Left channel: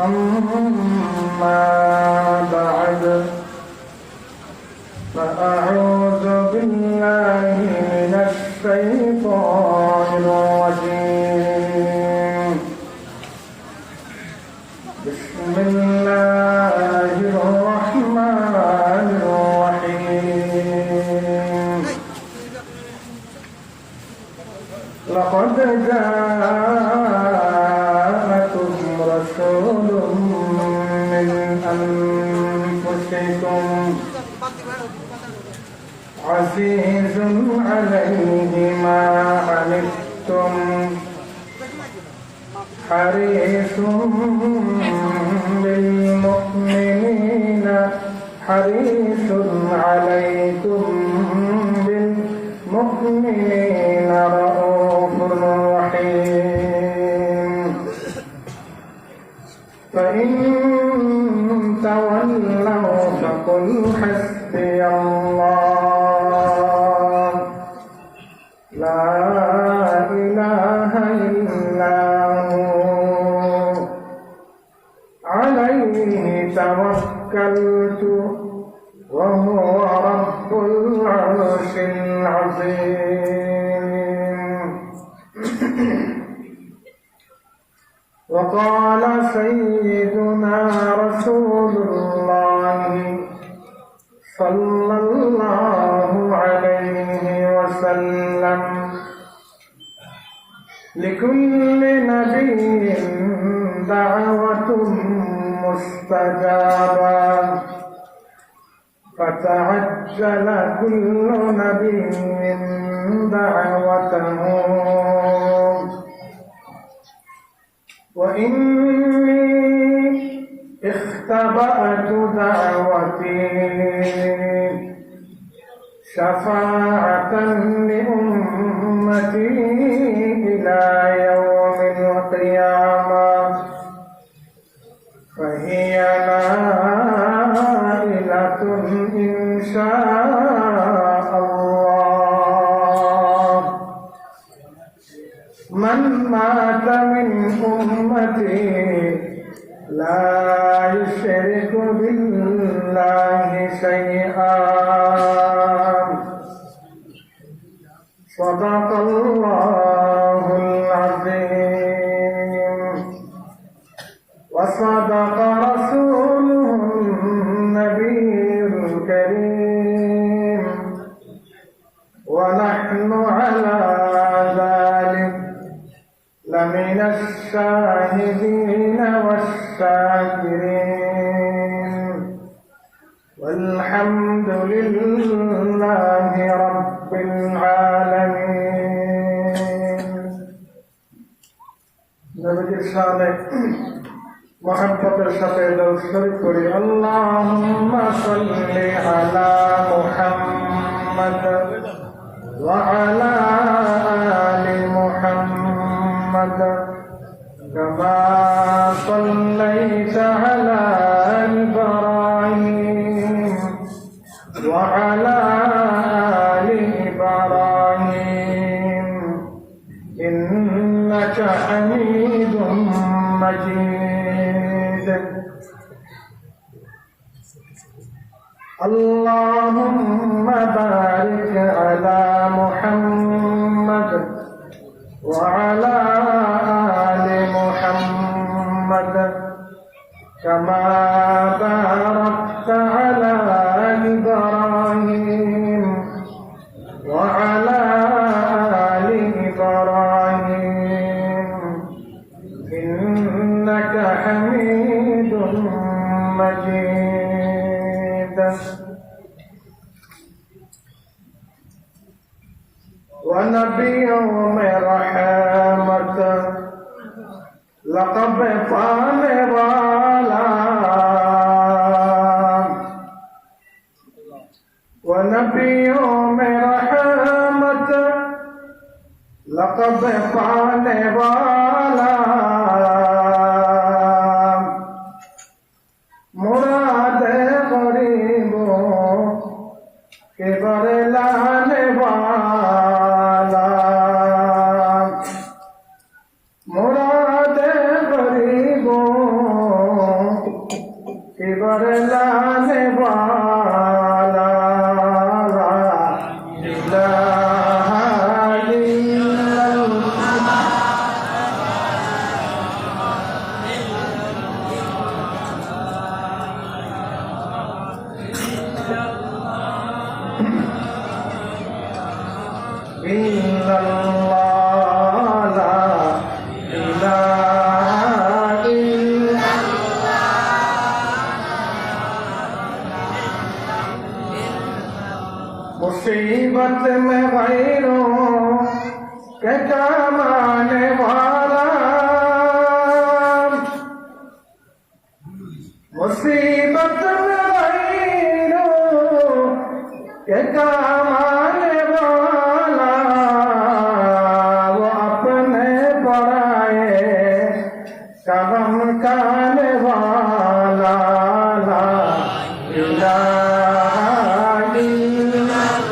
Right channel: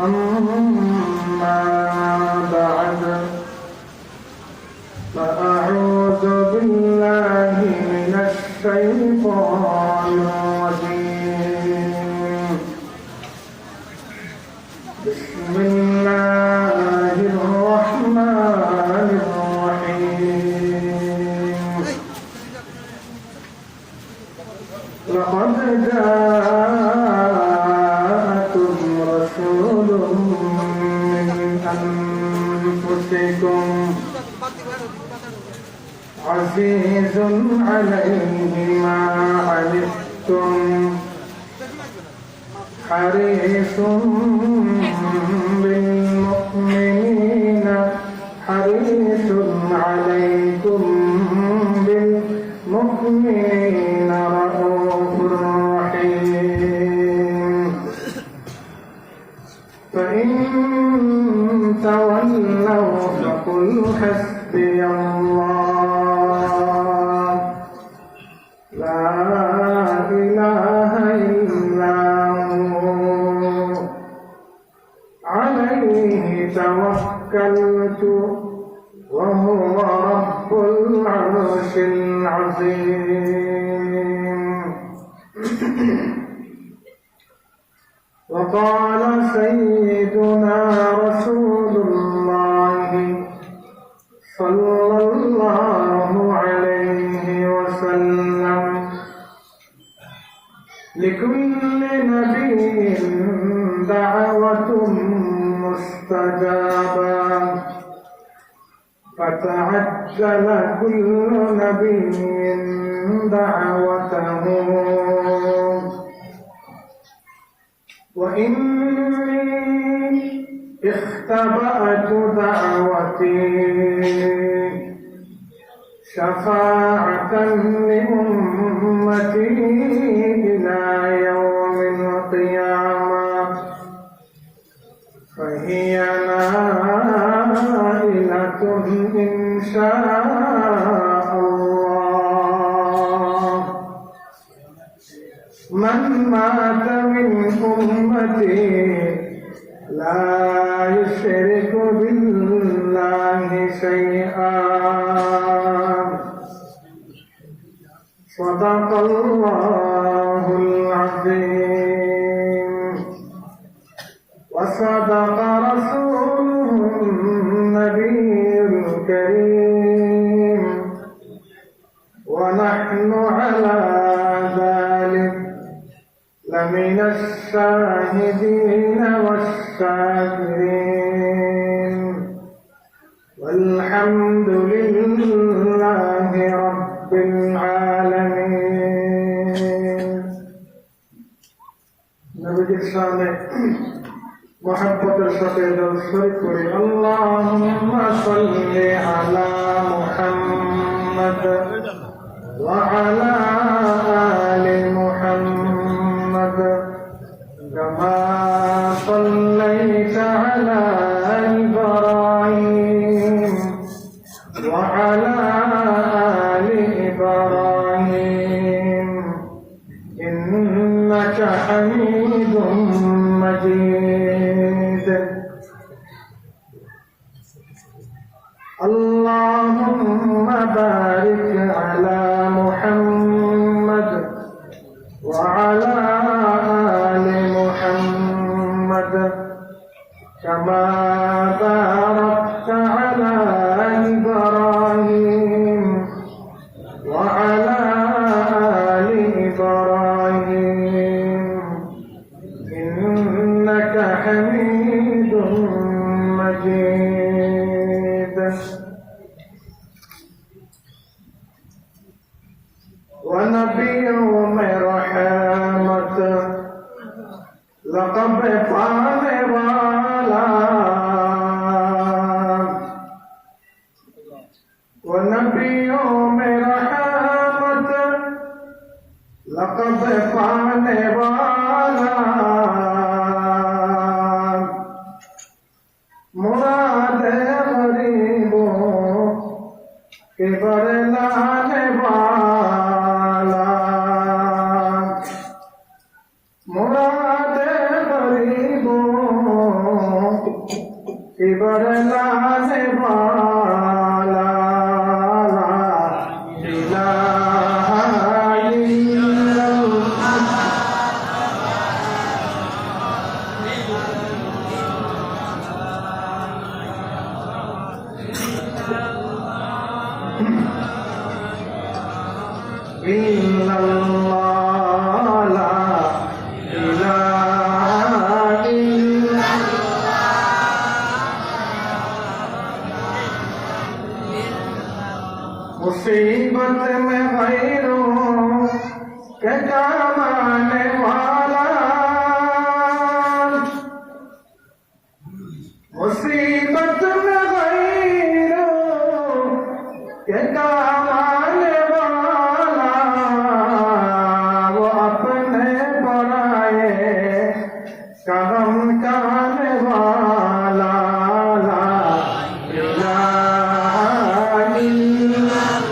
أما بعد فأعوذ بالله من الشيطان الرجيم بسم الله الرحمن الرحيم لقد جاءكم رسول من أنفسكم عزيز عليه ما عنتم حريص بالمؤمنين عليكم بالمؤمنين رؤوف رحيم فإن تولوا فقل حسبي الله لا إله إلا هو عليه توكلت وهو رب العرش العظيم وقال سيدنا رسول الله صلى الله عليه وسلم لكل نبي دعوة مستجابة فتعجل كل نبي دعوته وإني اختبأت دعوتي شفاعة لأمتي إلى يوم القيامة فهي نائلة إن شاء الله من مات من أمتي لا يشرك بالله شيئا صدق الله العظيم وصدق رسوله النبي الكريم ونحن على ذلك لمن الشاهدين والشاكرين والحمد لله رب العالمين نبي الشامل محبة الشفيد الشريف اللهم صل على محمد وعلى آل محمد كما صليت على إبراهيم وعلى آل إبراهيم إنك حميد مجيد اللهم بارك على محمد وعلى آل محمد كما باركت على إبراهيم وعلى آل إبراهيم إنك حميد مجيد ونبي में रहमत लक़ब पाने वाला ونبيयों में रहमत लक़ब पाने वाला मुराद गरीबों के बरलाने वाला मुराद गरीबों के बरलाने वाला ला इलाहा इल्लल्लाह इल्लल्लाह ला इलाहा इल्लल्लाह मुसीबत में गैरों के काम आने वाला मुसीबत में गैरों के काम आने वाला वो अपने पराए कदम काने वाला ला इलाहा इल्लल्लाह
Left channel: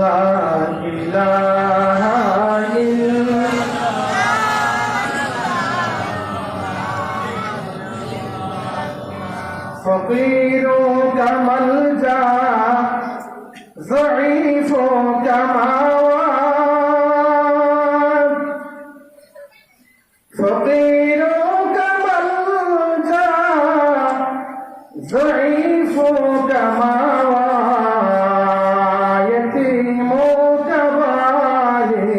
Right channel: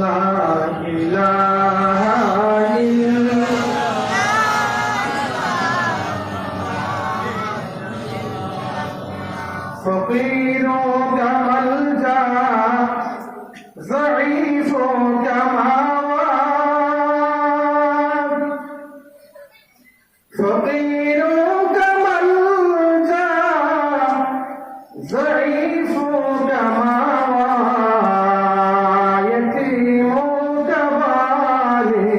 ला इलाहा फकीरों का मलजा ज़ईफ़ों का मावाद फकीरों का मलजा ज़ईफ़ों का मावाद यतीमों का वाली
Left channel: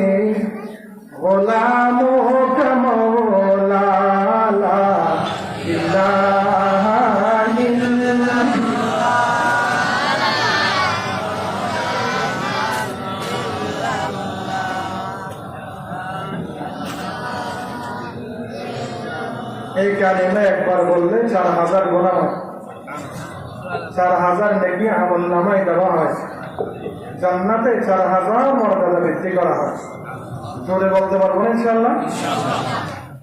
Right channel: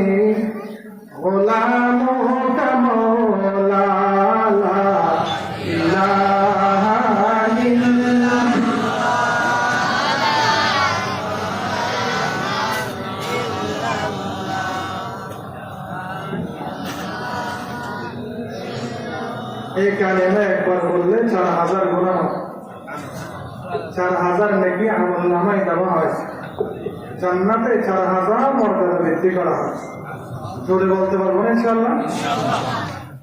गुलामों का मौला ला इलाहा এই কালিমা একবার বললে 4000 গুনাহ 4000 নেকি আমলনামায় দেওয়া হয় জান্নাতে 4000 মর্যাদা বৃদ্ধি করা হয় জোরে বলতে পারবো না ইনশাআল্লাহ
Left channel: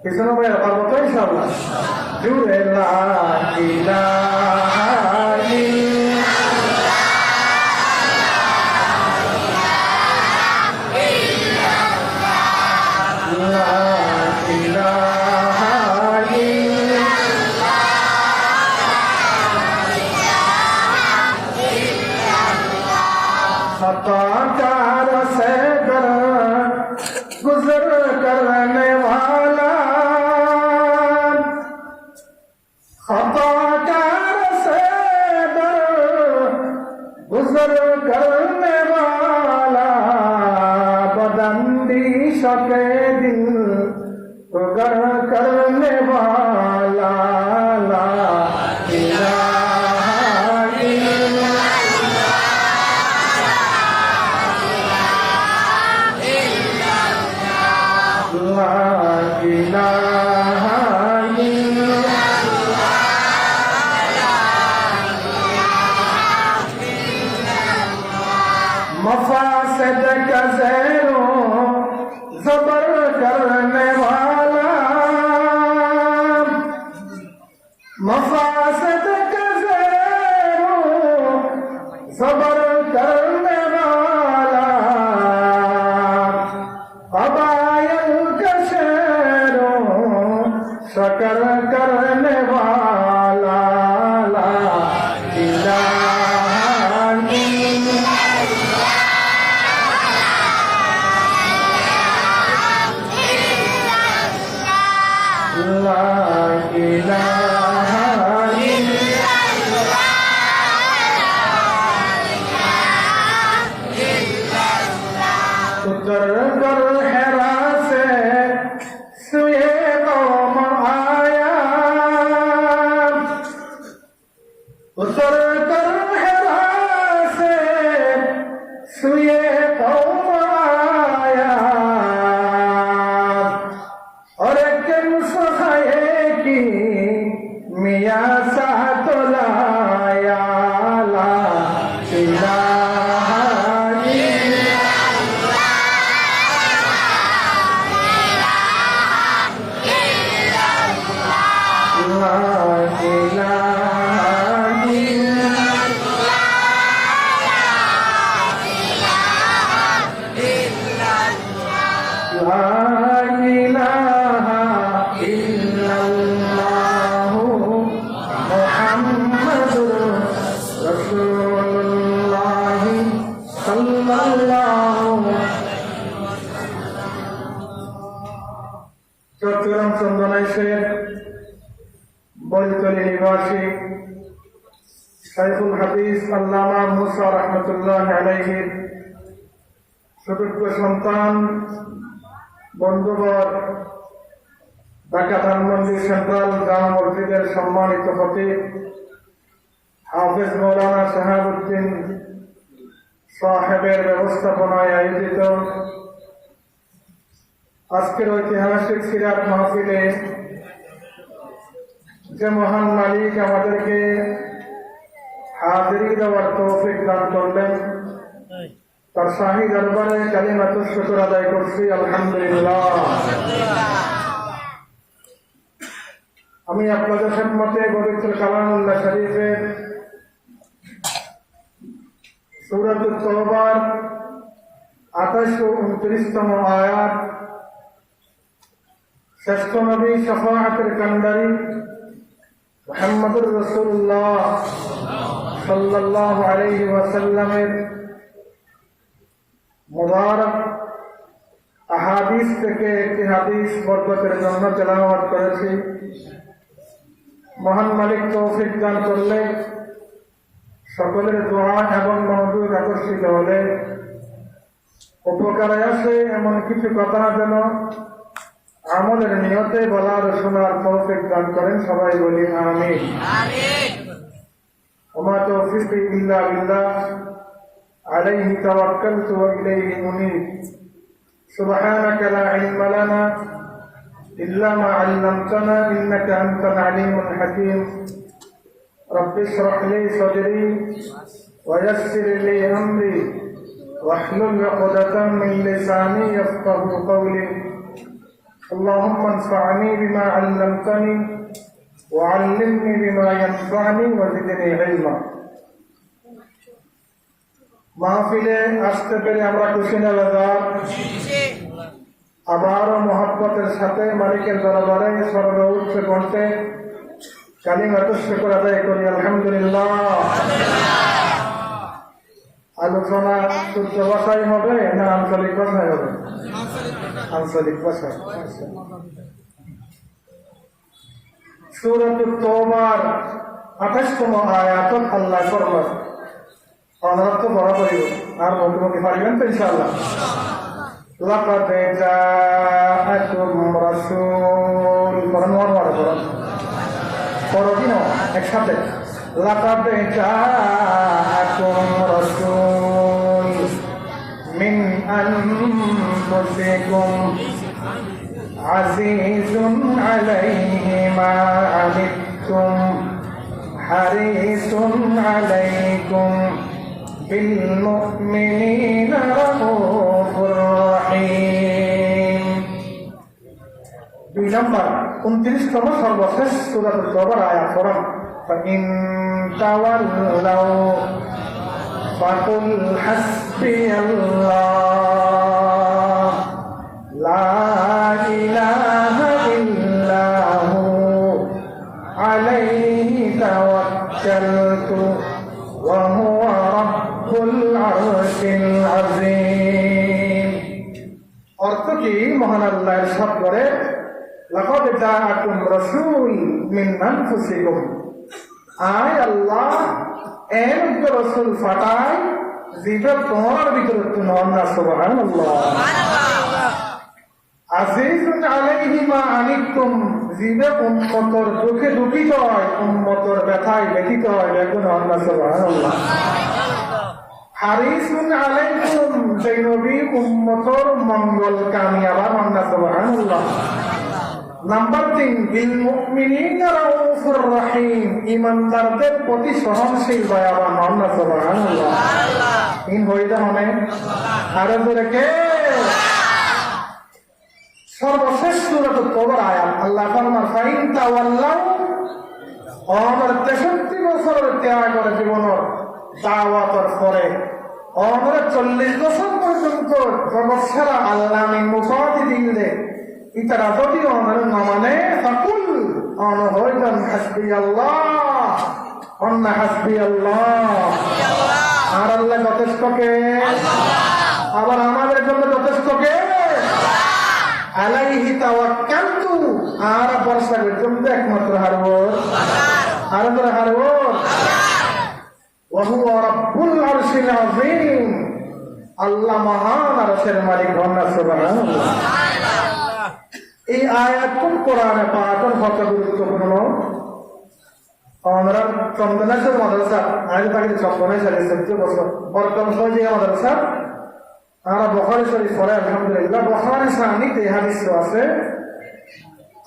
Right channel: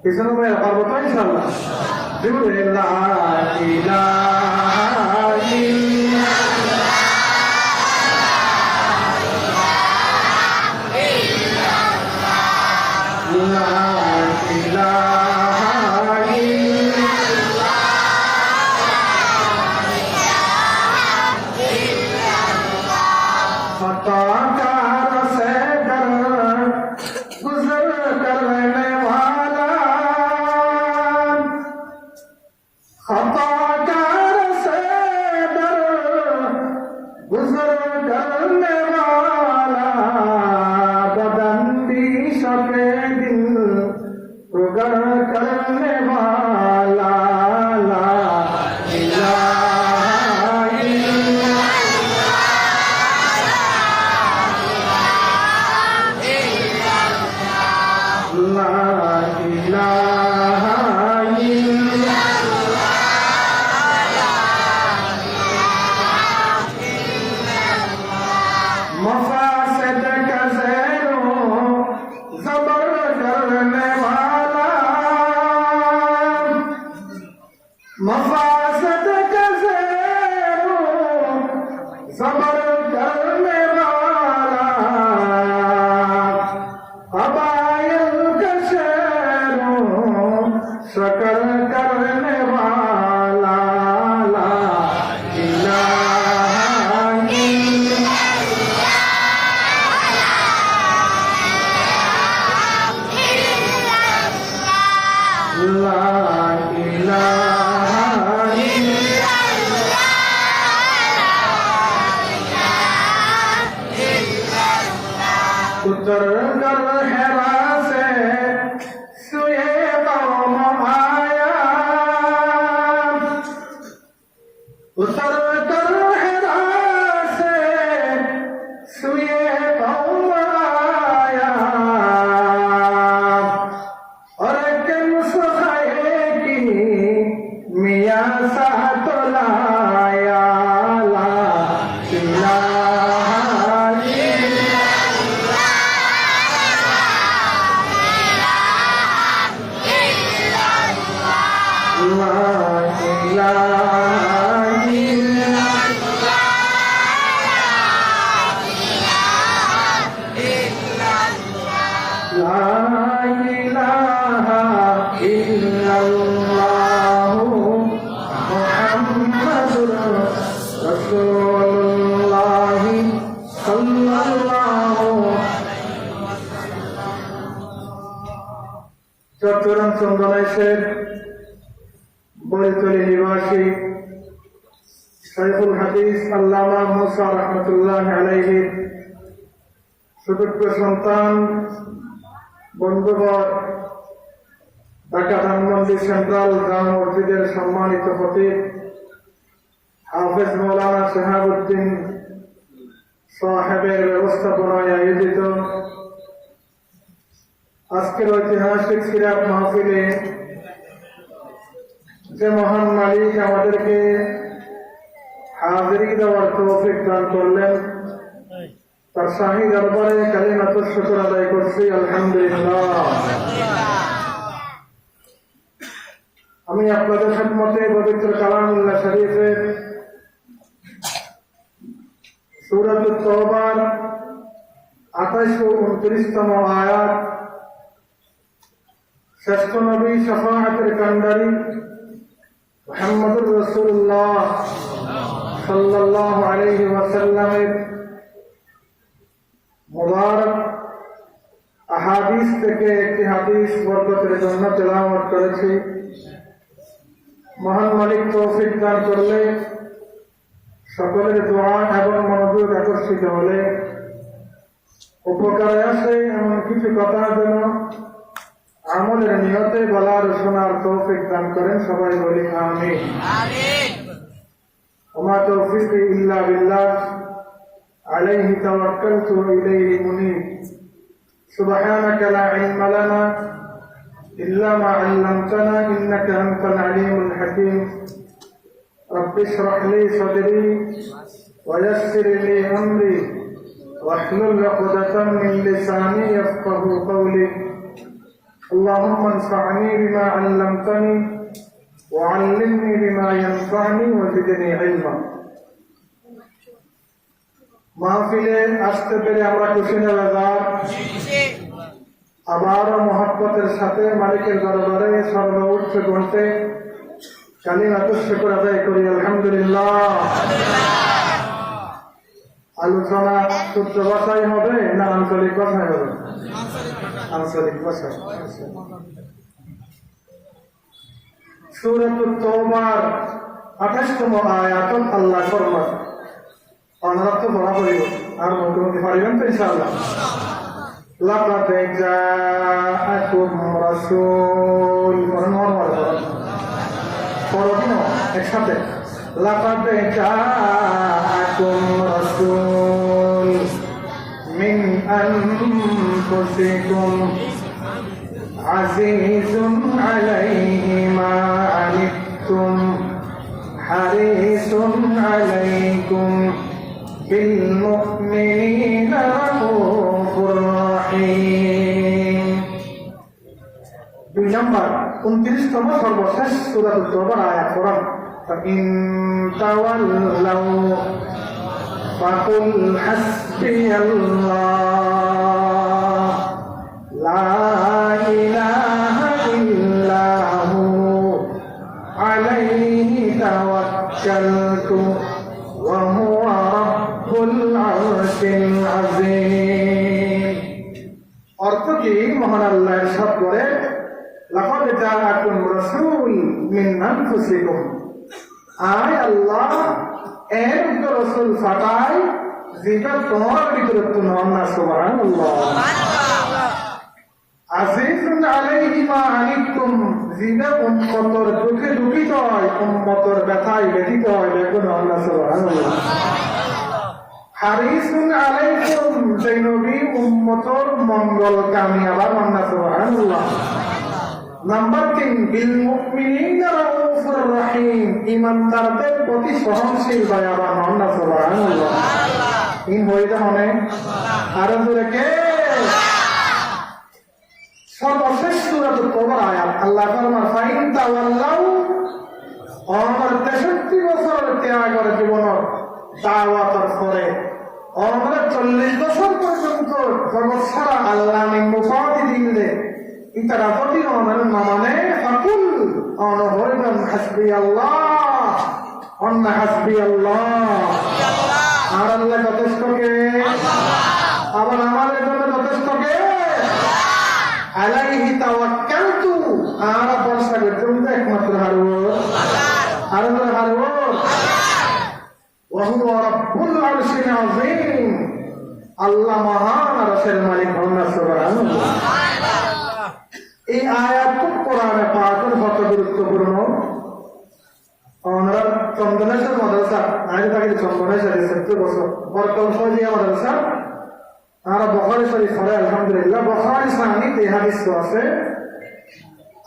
কিছু ভাই পারবো তো ইনশাআল্লাহ জোরে লা ইলাহা खताकार से दर गुजर करने वाला खताकार से दर गुजर करने वाला बदंदी शके दिल उगर करने वाला ला इलाहा ला इलाहा मफासद का ज़ैरो ज़बर करने वाला मफासद का ज़ैरो ज़बर करने वाला कबाइल का शेरों शकर करने वाला ला इलाहा ला इलाहा उतर कर हेरा से सुए कौम आया उतर कर हेरा से सुए कौम आया और किन सुखाए की मियाँ सा तो लाया ला इलाहा ला সাল্লাল্লাহু চট্টগ্রাম চন্দনাইশের বৈতলী নিবাসী শাইখুল হাদিস আল্লামা মুসা রহমতুল্লাহ আলাইহির সুযোগ্য সন্তান বন্ধুবর ঢাকা ধানমন্ডি সেন্ট্রাল জামে মসজিদের সম্মানিত খতিব হাফেজ মৌলানা শাহাবুদ্দিন সাহেবের ব্যবস্থাপনায় আয়োজিত আজকের ঐতিহাসিক সিরাত মাহফিলে যে মহান মালিক আমাদেরকে হাজিরি দেওয়ার তৌফিক দান করলেন, তার শাহী দরবারে কালিমাতুশ শুকর আদায় করছি আলহামদুলিল্লাহ। আমি আপনাদের খেদমতে পবিত্র কালামুল্লাহ শরীফের সূরাতুত তাওবার 28 ও 29তম আয়াত, শ্রেষ্ঠ নবী শাফাআতের কান্ডারি মুহাম্মদুর রাসূলুল্লাহ সাল্লাল্লাহু আলাইহি ওয়াসাল্লামের মুবারক আহাদিস থেকে একটি হাদিস বরকতের জন্য তেলাওয়াত করেছি। মহান মালিক তৌফিক দান করলে সকলের দোয়া এবং মনোযোগ আকর্ষিত হলে উপকারে আসে এমন কিছু কথা যেন আমলের নিয়তে বলার শোনার তৌফিক দান করেন, সবাই বলি আমিন। ওমা তৌফিকি ইল্লা বিল্লাহ আলাইহি তাওয়াক্কালতু ওয়া ইলাইহি মুনীব। সুবহানাকা লা ইলমা লানা ইল্লা মা 'আল্লামতানা ইন্নাকা আনতাল আলিমুল হাকীম। রব্বি ইশরাহ লি সাদরি ওয়া ইয়াসসির লি আমরি ওয়াহলুল 'উকদাতাম মিন লিসানি ইয়াফকাহু কওলি। اللهم انفعني بما علمتني وعلمني بما ينفعني وزدني علما। মাহফিলে আসতে পেরে আমরা খুশি নওয়াজ, আবারও মহব্বতের সাথে মালিকের দরবারে সর্বোচ্চ কণ্ঠে কালিমাতুশ শুকর আদায় করি আলহামদুলিল্লাহ। আলোচনা শুদ্ধ ভাষায় হবে না আঞ্চলিক ভাষায় হবে? আঞ্চলিক ভাষায়। সূরাতুত তাওবার 28তম আয়াতত আল্লাহ ফরমান, অনুরোধ তো বলা করিব আর মুখে পারিবেন তো ইনশাআল্লাহ। লাকাদ জাআকুম রাসূল পরদিন একসাথে লাকাদ জাআকুম রাসূল মিন আনফুসিকুম আজিজুন আলাইহি মা আনিতুম হারিসুন আলাইকুম বিল মুমিনিনা রাউফুর রহিম। 2 নম্বর 29তম সর্বশেষ সূরাতুত তাওবার আয়াত পড়ুন। فإن تولوا فقل حسبي الله لا إله إلا هو عليه توكلت وهو رب العرش العظيم। অর্থ কি? মহান আল্লাহ ইরশাদ করে, লাকাদ জাআকুম রাসূল মিন আনফুসিকুম, আয় আল্লাহ এর রাসূল ফাটাই যেটা তোমার ভিতরে তুলন না। সুবহানাল্লাহ। আজিজুন আলাইহি মা আনিতুম, যেটা উম্মতের দুঃখে দুঃখিত হয়, উম্মতের ব্যথায় ব্যথিত হয়, দেখুন আল্লাহ। সুবহানাল্লাহ। হারিসুন আলাইকুম, সেই নবী উম্মতের মঙ্গল কামিয়াবার আল্লাহ। সুবহানাল্লাহ। নাম্বার 3, বিল মুমিনিনা রাউফুর রহিম, ঈমানদারদের প্রতি সহনশীল দয়াবান আল্লাহ। সুবহানাল্লাহ। ইন হইতে মানে আর জোরে কে? সর্বশেষ সূরাতুত তাওবার আয়াত আল্লাহ ফরমান, ফাইন তাওয়াল্লাউ, আমার 63 বছরের ত্যাগের জীবনের দাওয়াতের পরে আমরা 40 বছর পর্যন্ত জগৎ সারা আল্লাহ মুফাদি দিলে ইতারা যদি আমার মানে ফাকুল অন হইবেন হাসবি আল্লাহ, অন্য হাসবি আল্লাহ। আর আল্লাহ যথেষ্ট কে? আবার আমাদের জন্য যথেষ্ট কে? আলাইহি তাওয়াক্কালতু, আর ভরসা করি তুমি তো একমাত্র হারুর, আর আমরা হারুর। ওয়া হুয়া রাব্বুল আরশিল আযীম, আল্লাহ মহান আরশের মালিক হন। সুবহানাল্লাহ। এই আয়াত কোরআনে পাকের কত গুরুত্বপূর্ণ। ওনারা চন্দনেশ্বর মাদ্রাসা, আগে থাকে চন্দনেশ্বর 14 বছর বর্তমান যে মাদ্রাসা, আর বুখারী শরীফ পড়ে আলহামদুলিল্লাহ। বুখারী সাহিতে এই হাদিস আছে,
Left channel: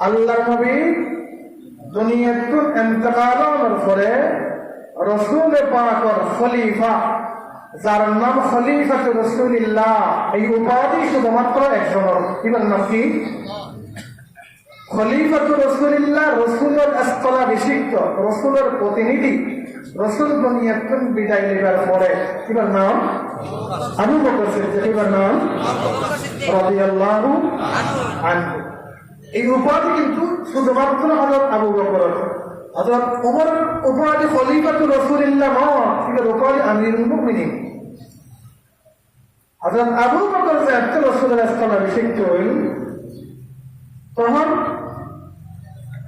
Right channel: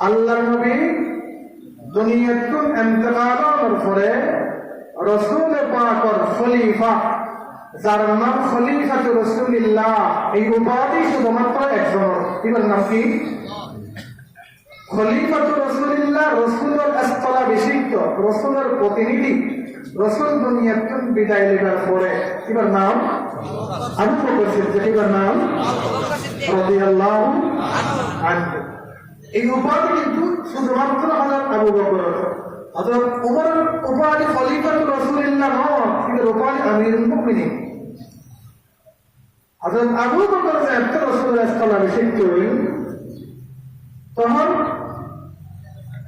আল্লাহর নবী দুনিয়াতুল ইন্তেকালের পরে রাসূল পাকের খলিফা, যার নাম খলিফাতুর রাসূলুল্লাহ, এই উপাধি শুধুমাত্র একজনের। এবার নাম কি? খলিফাতুর রাসূলুল্লাহ, রাসূলের স্থলাভিষিক্ত, রাসূলের প্রতিনিধি। রাসূল দুনিয়াতুল বিদায় নেবার পরে এবার নাম আবু বকর সিদ্দিক, এবার নাম রাদিয়াল্লাহু আনহু। এই উপাধি কিন্তু শুধুমাত্র হযরত আবু বকর, হযরত ওমর উপাধি খলিফাতুর রাসূলুল্লাহ নয়, কিন্তু উপাধি আমিরুল মুমিনিন। হযরত আবু বকর যে রাসূলের স্থলাভিষিক্ত হইল, তখন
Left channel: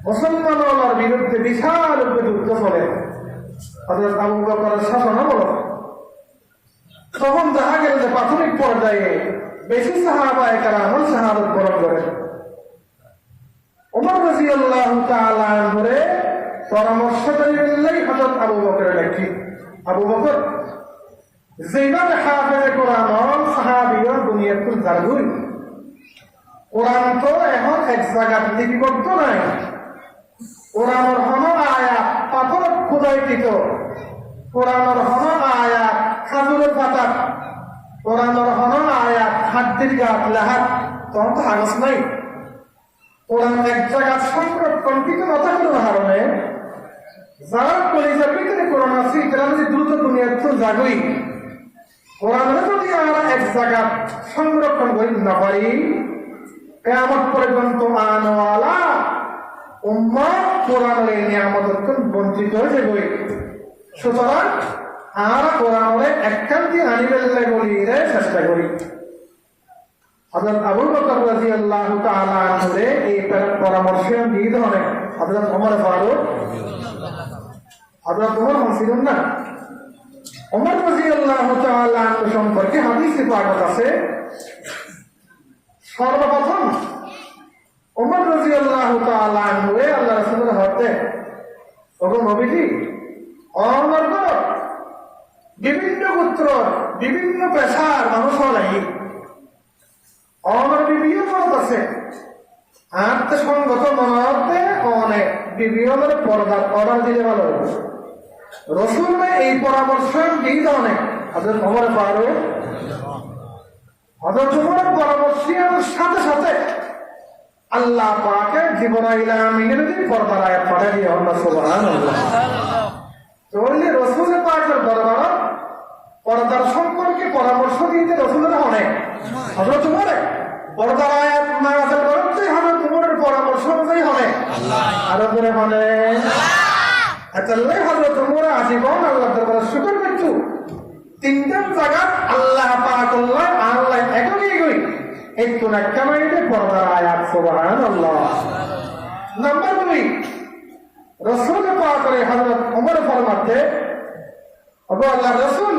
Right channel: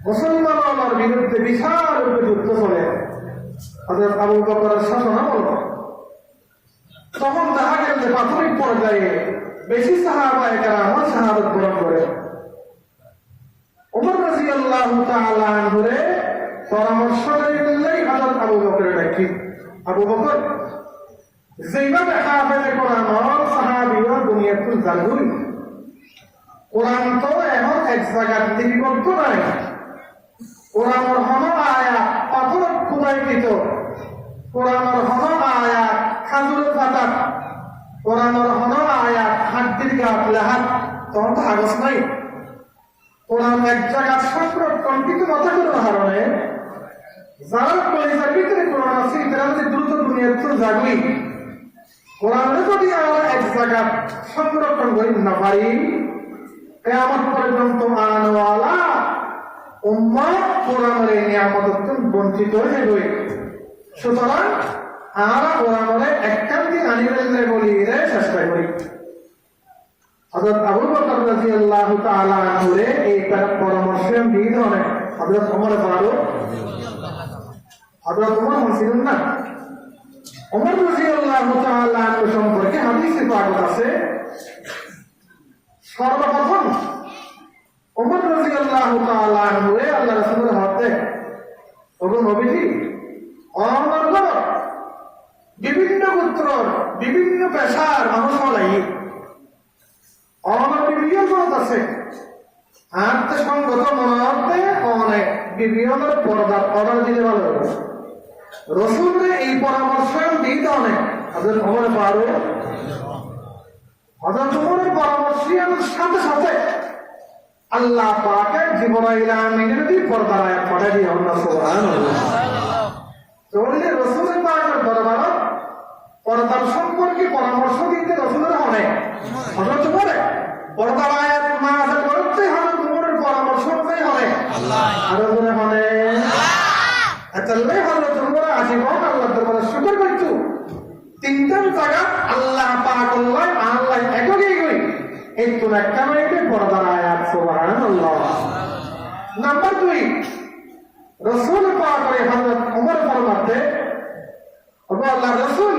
মুসলমানদের বিরুদ্ধে বিশাল যুদ্ধ চলে হযরত আবু বকরের শাসনামলে। তখন দেখা গেল যে প্রাথমিক পর্যায়ে বেশি সাহাবায়ে কেরাম শাহাদাত বরণ করে। ওমর রাদিয়াল্লাহু তাআলা আনহুরে পরামর্শ দিলেই হযরত আবু বকরের দেখি, আবু বকর যেভাবে হাফেজে কোরআন সাহাবীর দুনিয়াতুল জারগুই, কোরআন তো এখন এক জায়গায় লিপিবদ্ধ নাই। কোরআনের হন আয়াত পাথর খুদাইকৃত, কোরআনের হন আয়াত খাজুরের পাতাত, কোরআনের হন আয়াত হাড্ডির গাছ লেহাত, তখন তো কাগজ নাই। কোরআন এক জায়গায় সংরক্ষণকৃত মাথা করার কারণে যারা কলেজের ভিতরে কোরআন আছে তারা যদি দ্রুত দুনিয়াতে জাগুই, কোরআনের যদি আমরা এক জায়গায় সংরক্ষণ করি না পারি, কিয়ামত পর্যন্ত আনওয়ালা উম্মত কোরআনের এই নিয়ামত বঞ্চিত হয়ে যাবে। সুতরাং আমরা কোরআনের একান্তি আনিবেলে বলি চেষ্টা করি। হযরত আবু বকর রাদিয়াল্লাহু তাআলা আনহুরে এই পরামর্শ দিয়ে ধরে হযরত ওমর ফারুক, হযরত ওমর ছিলেন না। ওমর রাদিয়াল্লাহু তাআলা আনহু সম্পর্কে হাদিসে পাক আছে, সর্বপ্রথম ওমর রাদিয়াল্লাহু তাআলা আনহু আল্লাহ রাসূলের হতে ওগো নবীজি, আমার ঘর বিভিন্ন গোত্র বিভিন্ন পেশার মানুষ লাগি, আমার বিবিও মত আছে, আত্ম সংগত মনে অনেক বিবিয়মের পর্দার অর্ডার দিলে ভালো হবে। রসুল এই পরামর্শ দিতে অনেক হযরত ওমর ফারুক, হযরত ওমরের পরামর্শের সাথে সাথে আল্লাহ পাকের জিবরাইল আমিনের পর্দার আয়াত পাঠিয়ে দিয়ে আমরা সুবহানাল্লাহ। তাহলে রসুল পাকের দরবারে পর্দার সম্পর্কে পরামর্শ দিতে রসুলের অনেক, হযরত ওমরে পর্দার আয়াত নাযিল করতে হযরত ওমরের পরামর্শ অনুযায়ী অনেক আরো করে মানে আচ্ছা হযরত ওমর আজীবন আল্লাহর দরবারে শুকর করতো। তিনটা জায়গা আল্লাহ পাক আল্লাহ একই করি একটু একটা নইলে পর্দার আয়াত সুবহানাল্লাহ। নাম্বার 2, রাসূল পাকের হযরত ওমর ফরমাতে, ওগো আল্লাহর রাসূল,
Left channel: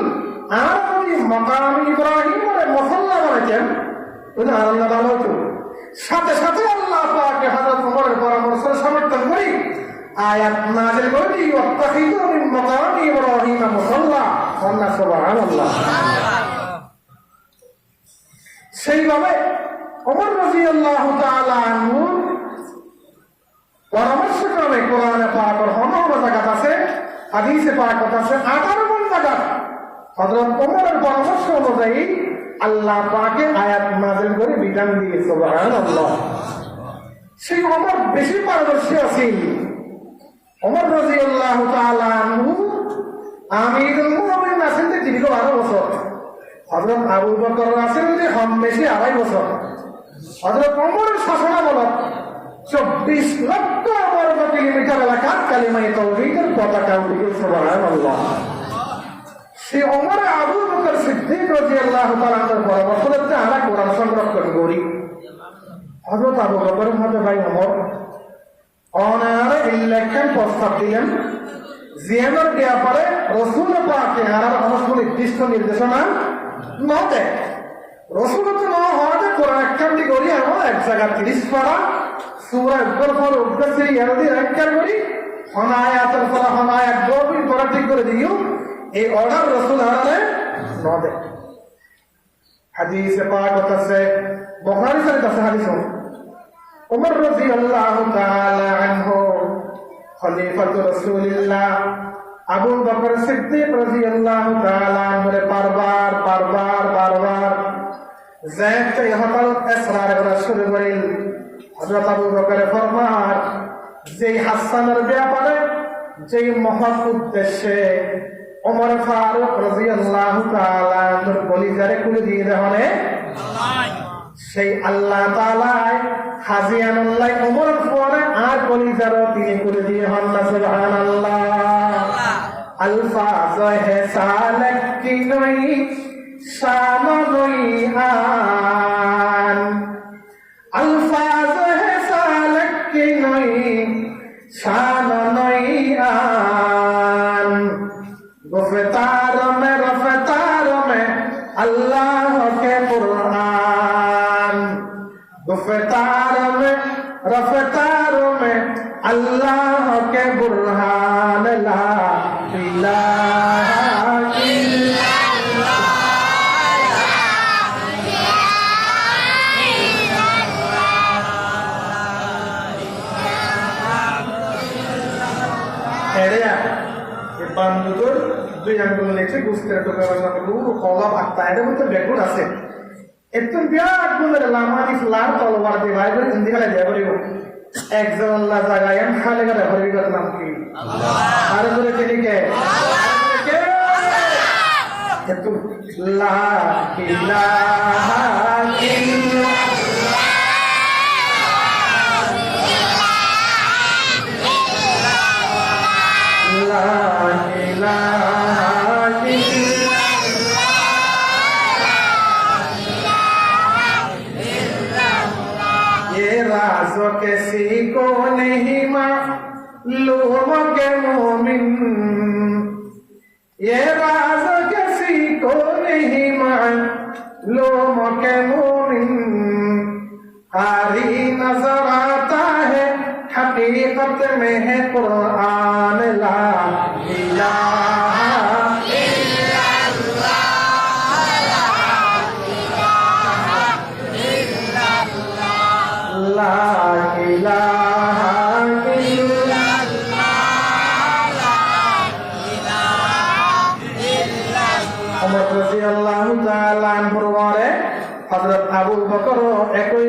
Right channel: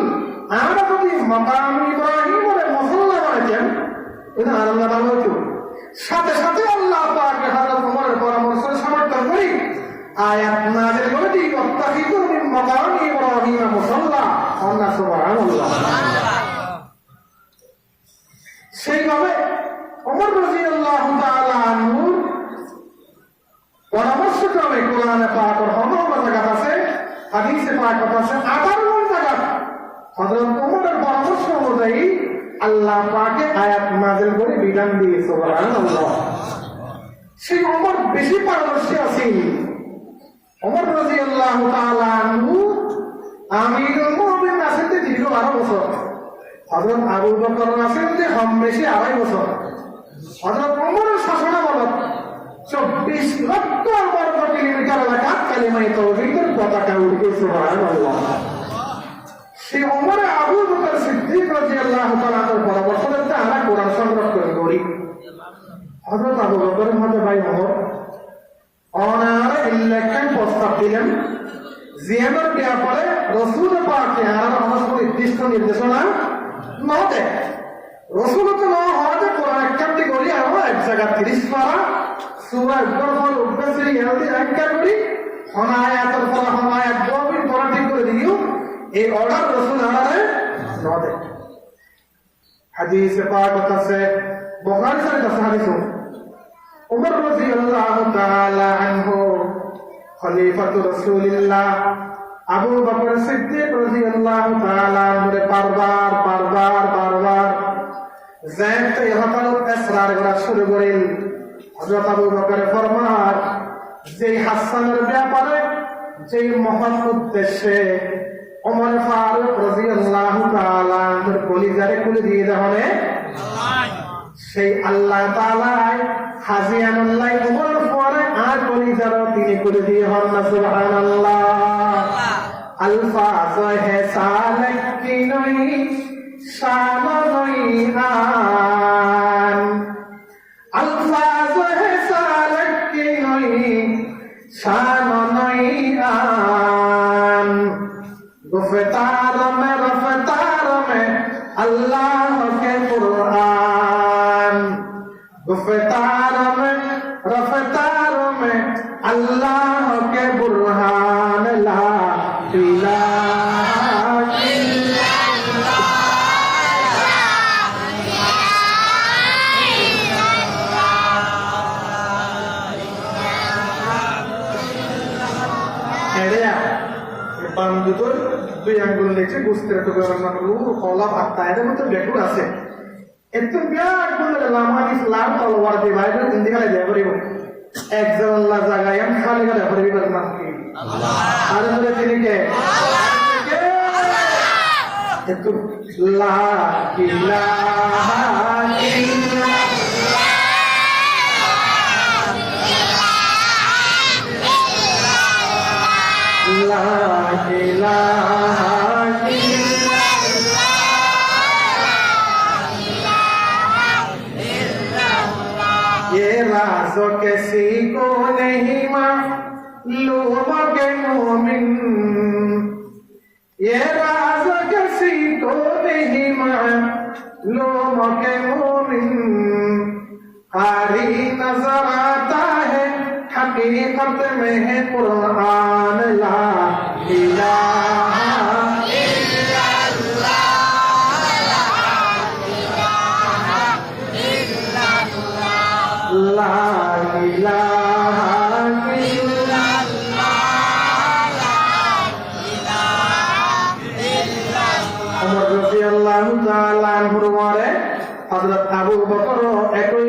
আমরা যদি মাকাম ইব্রাহিমের মুসল্লা বানাইতেন ওটা আল্লাহ ভালো হতো। সাথে সাথে আল্লাহ পাক হযরত ওমরের পরামর্শ সমর্থন করি আয়াত নাযিল করে দিই, ওয়াত্তাখিযু মিন মাকাম ইব্রাহিম মুসাল্লা, আল্লাহ সুবহানাল্লাহ। সেইভাবে ওমর রাদিয়াল্লাহু তাআলা আনহু পরামর্শক্রমে কোরআনে পাকের অনেক জায়গা আছে, হাদিসে পাক আছে 18 জায়গা হযরত ওমরের পরামর্শ অনুযায়ী আল্লাহ পাকে আয়াত নাযিল করে বিধান দিয়ে সুবহানাল্লাহ। সেই ওমর বেশি পারদর্শী আছেন। ওমর রাদিয়াল্লাহু তাআলা আনহু আমিরুল মুমিনিন আছেন দীর্ঘ 12 বছর, হযরত আবু বকর আছেন যে কম বেশি 2.5 বছর। হযরত ওমরের শাসনামলে 24 লক্ষ বর্গ কিলোমিটার এলাকা কালিমায়ে তাওহীদের পতাকা উঠে সুবহানাল্লাহ। সেই ওমরে আবু বকর সিদ্দিক রাদিয়াল্লাহু তাআলা পরামর্শ করতে আমরা কোরআন সংরক্ষণ করি। হযরত আবু বকরের মধ্যে ভাই ওমর অনার ইলেকশন প্রস্তাব দিলেন জিয়ামের ব্যাপারে রসুল পাকে আর অবশ্য নির্দিষ্ট নির্দেশনা ন দেয়। রসুল তো ন হওয়াতে কোরআন একখানটি করি এবং এক জায়গা 30 পারা সূরা উপর পর উপর সিরি এনদি একখান করি হনায়াতের পর হনায়াত বই পড়া ঠিক করে দিও এই অর্ডার রসুল আনারে ন দেয়। হাদিসে পাক আছে বুখারী শরীফ আছে হাদিস উমর রাদিয়াল্লাহু তাআলা আনহু খলিফাতু রাসূলিল্লাহ আবু বকর সিদ্দিক রাদিয়াল্লাহু তাআলা আনহুরে বারবার যায়তে ইহতালত ইসরার করা শুরু করেন। হযরত আবু বকর ফরমান যে হাসানের ব্যাপারে যে মহৎ উদ্দেশ্যে ওমর ফারুক রাদিয়াল্লাহু তাআলা আনহুর কলিজারে খুলে দিয়ে দেওয়ানে সেই আল্লাহ তাআলা হাজিয়ানুল্লাহ ওমরের পরে আর কলিজারও তিনি করে দিয়ে হন না সুবহানাল্লাহ। अल्फाज है सालक की नई शान नई आन अल्फाज है सालक की नई शान नई आन गुफ्तार में अल्लाह के कुरान गुफ्तार में रफ्तार में अल्लाह के बुरहान ला इलाहा इल्लल्लाह এরিয়া এই বান্দুর দুই আঙ্গুল নিচে গুস্তের টুকরা লুক কলাপ আত্মা এর মধ্যে বেকুর আছে একদম বিরাট গুণের লামাত ইসলাম তলোয়ার দিয়ে বাইবেল ইন্দিকালে দেয়া করিব একজন আল্লাহ জায়গায় আমি খালে গাড়া করিবি নাম কি আল্লাহ আর ধরে তিনি কে একটু লা ইলাহা ইল্লাল্লাহ লা ইলাহা राज़ो किसी को नहीं मालूम के मोमिन ये राज़ किसी को नहीं मालूम के मोमिन कारी नजर आता है हकीकत में है कुरान ला इलाहा ला इलाहा इल्लल्लाह ওমর রাদিয়াল্লাহু তাআলা আনহুর পরে হযরত আবু বকর একই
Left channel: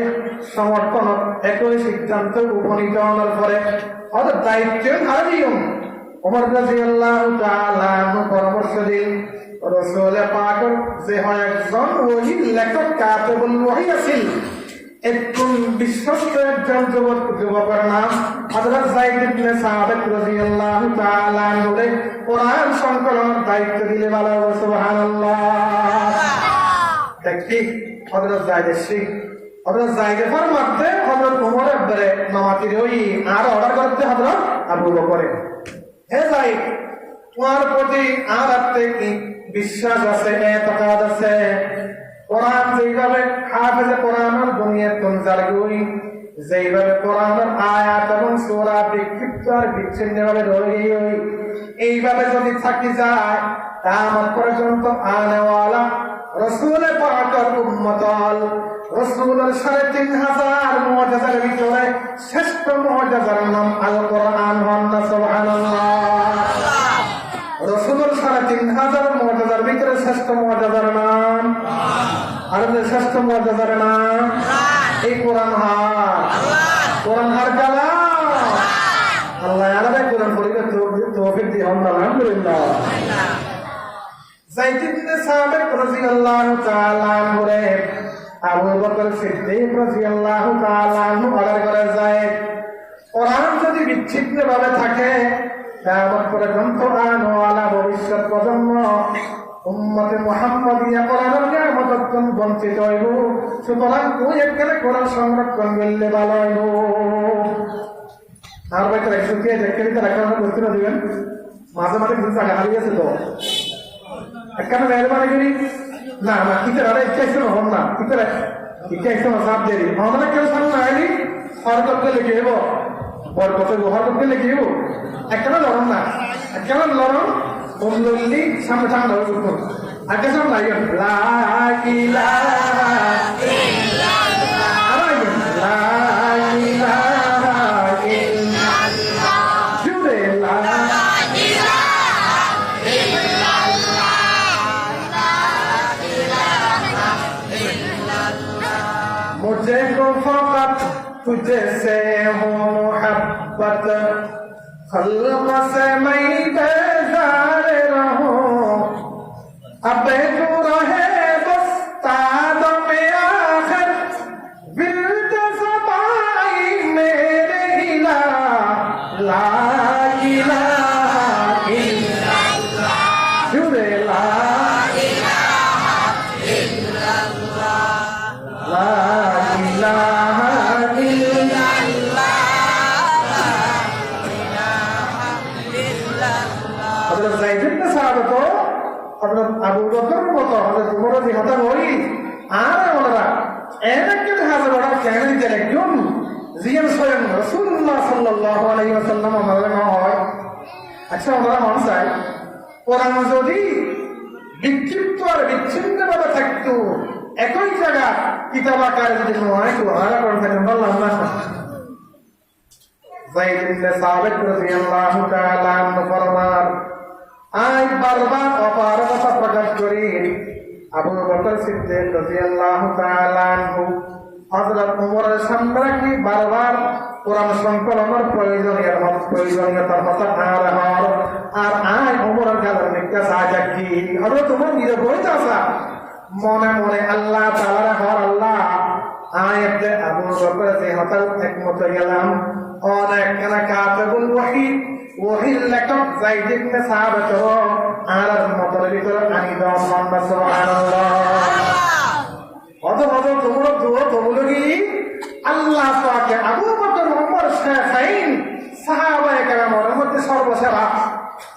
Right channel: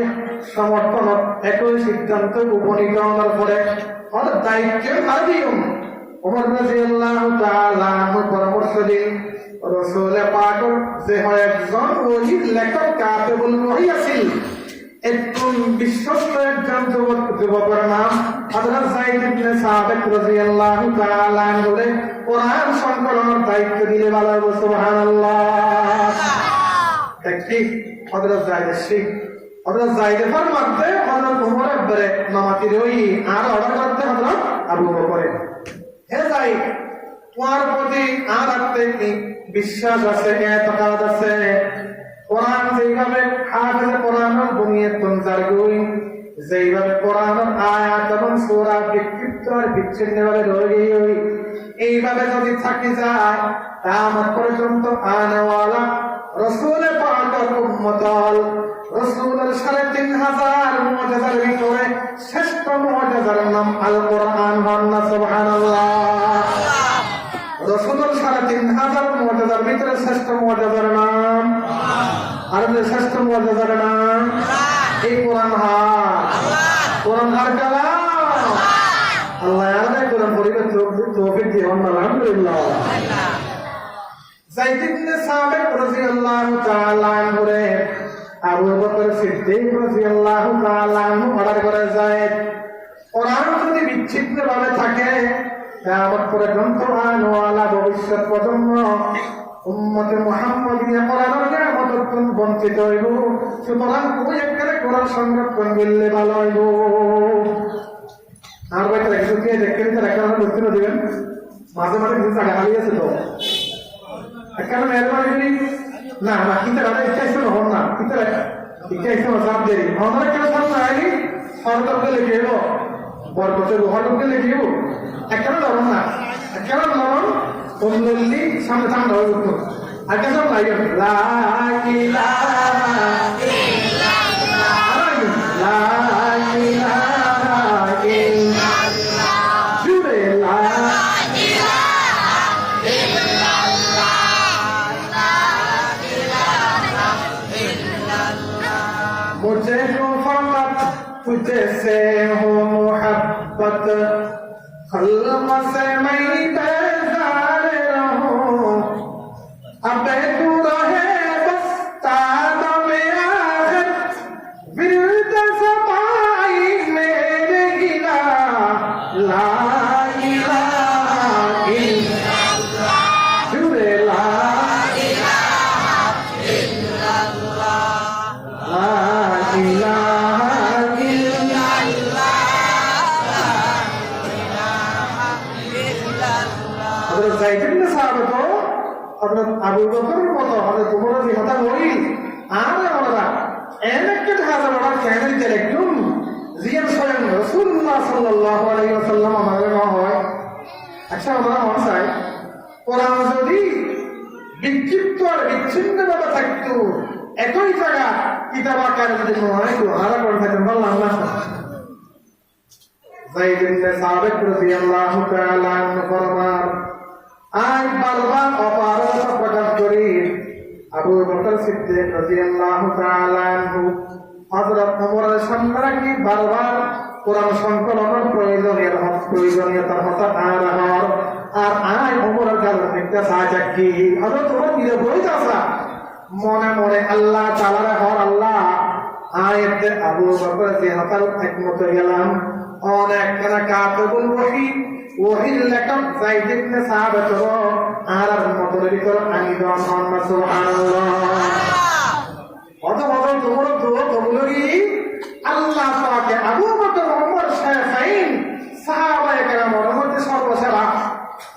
সমর্থন একই সিদ্ধান্ত উপনীত হওয়ার পরে ওদের দায়িত্ব হারিয়ম ওমর রাদিয়াল্লাহু তাআলা আনহু পরামর্শ দিন রাসূল পাকের যে হয় একজন ওহী লেখক কাতেবুল ওহী আছিল একজন বিশ্বস্ত একজন যুবকের নাম হযরত যায়েদ ইবনে সাবিত রাদিয়াল্লাহু তাআলা আনহুরে কোরআন সংকলনের দায়িত্ব দিলে ভালো সুবহানাল্লাহ। দেখি হযরত যায়েদের ফরমাতে হযরত ওমরের ধরে নামাতি রই আর অর্ডার করতে হযরত আবু বকরে হে যায়েদ তোমার প্রতি আর কি বিশ্বাস আছে এতকাদ আছে কোরআন যেভাবে হাফেজে কোরআনের বুনিয়াদ তঞ্জারগুই যেভাবে কোরআনের আয়াত এবং সূরা বিক্ষিপ্ত আর বিচ্ছিন্নভাবে রয়ে গই এইভাবে যদি থাকি যায় কিয়ামত পর্যন্ত আনাওয়ালা রাসূল পাকের উম্মতল রাসূলের ৩৫০০ মুআজিজার ভিতরে শ্রেষ্ঠ মুআজিজার নাম আল কোরআন হন্না সুবহানাল্লাহ। রাসূলের ৩৫০০ মুআজিজার ভিতরে শ্রেষ্ঠ মুআজিজার নাম আর শ্রেষ্ঠ মুআজিজার নাম এই কোরআন হার কালাম আল্লাহ আলাদা কোরআন পড়িবে তৌফিক দিয়ে আলহামদুলিল্লাহ। যায়েদ ইবনে সাবিত রাদিয়াল্লাহু তাআলা আনহু আবু বকর সিদ্দিক রাদিয়াল্লাহু তাআলা আনহু অর্ডার করে যায় কোরআন যদি বিচ্ছিন্নভাবে থাকে কিয়ামত পর্যন্ত আনওয়ালা ভবিষ্যৎ প্রজন্ম উম্মতে মুহাম্মাদিয়া কোরআনের নিয়ামততন বঞ্চিত হইব। সুতরাং ওই একখানে কোরআন সংরক্ষণ করলে ভালো হইব। আর ভাই তারা কিছু দিয়ে দেখতে দিতে একটা বুঝতে দিবেন, মাঝে মাঝে কিছু টাকা হারিয়েছে তো একখানে মেহরবানি করি না না কিতার আরে ইচ্ছা ইচ্ছা হন না কিতার ইচ্ছা ইচ্ছা সাপ দেরি আমাদের কেউ সামনে আইনি হরকতকে লিখে দেব বরকতের হরকতকে লিখে দেব একখানে লড়ন না একখানে লড়ন অমলি সামনে ঠান্ডা হয়ে উঠল আর কেন নাই मुझे को फकत तुझसे हो मोहब्बत खल्क से मैं बेजार रहूं अब तू रहे बस ताब में आखिर विरद ज़बाई मेरे गिला ला इलाहा इल्लल्लाह जुरे ला আবু বকরের মতো আমাদের তোমার যে হতা হই আর আমরা এনেকে হাজার বড় কেন দিতে একদম জিয়ান স্বয়ং রাসূলুল্লাহ সাল্লাল্লাহু আলাইহি ওয়াসাল্লাম আমাদের না হয়। আচ্ছা আমরা মন চাই কোরআন যদি বিক্ষিপ্ত আর বিচ্ছিন্নভাবে থাকতো একই জায়গা কিতাব আকারে যদি নয় তো আর কোন থাকতে বললাম না। যায়েদ ইবনে সাবিত রাদিয়াল্লাহু তাআলা আনহু ফরমান আজ বারবার অপারগতা প্রকাশ করি আবু বকর সিদ্দিক রাদিয়াল্লাহু তাআলা আনহু হযরত ওমরের সামনে রাখি বারবার কোরআন সংকলনের প্রয়োজনীয়তার কথা আর আজ ওমরের গালের নিতে সাহায্যি হযরত ওমর নিরবই আসা মনে মনে আল্লাহ তাআলার হর আল্লাহ আয়াতে আবু বকর যে হতাল একমত গেলাম অনেক কানা কাতবুল ওহী ওহির লেখক যায়েদ ইবনে সাবিত আর মতের ভিতর আমি মুহাম্মদ সুবহানাল্লাহ অত তোমরা দুও তোমরি আল্লাহ পাকে আবু বকর ওমর শাইখাইন সাহাবায়ে কেরামের মধ্যে সর্বসেরা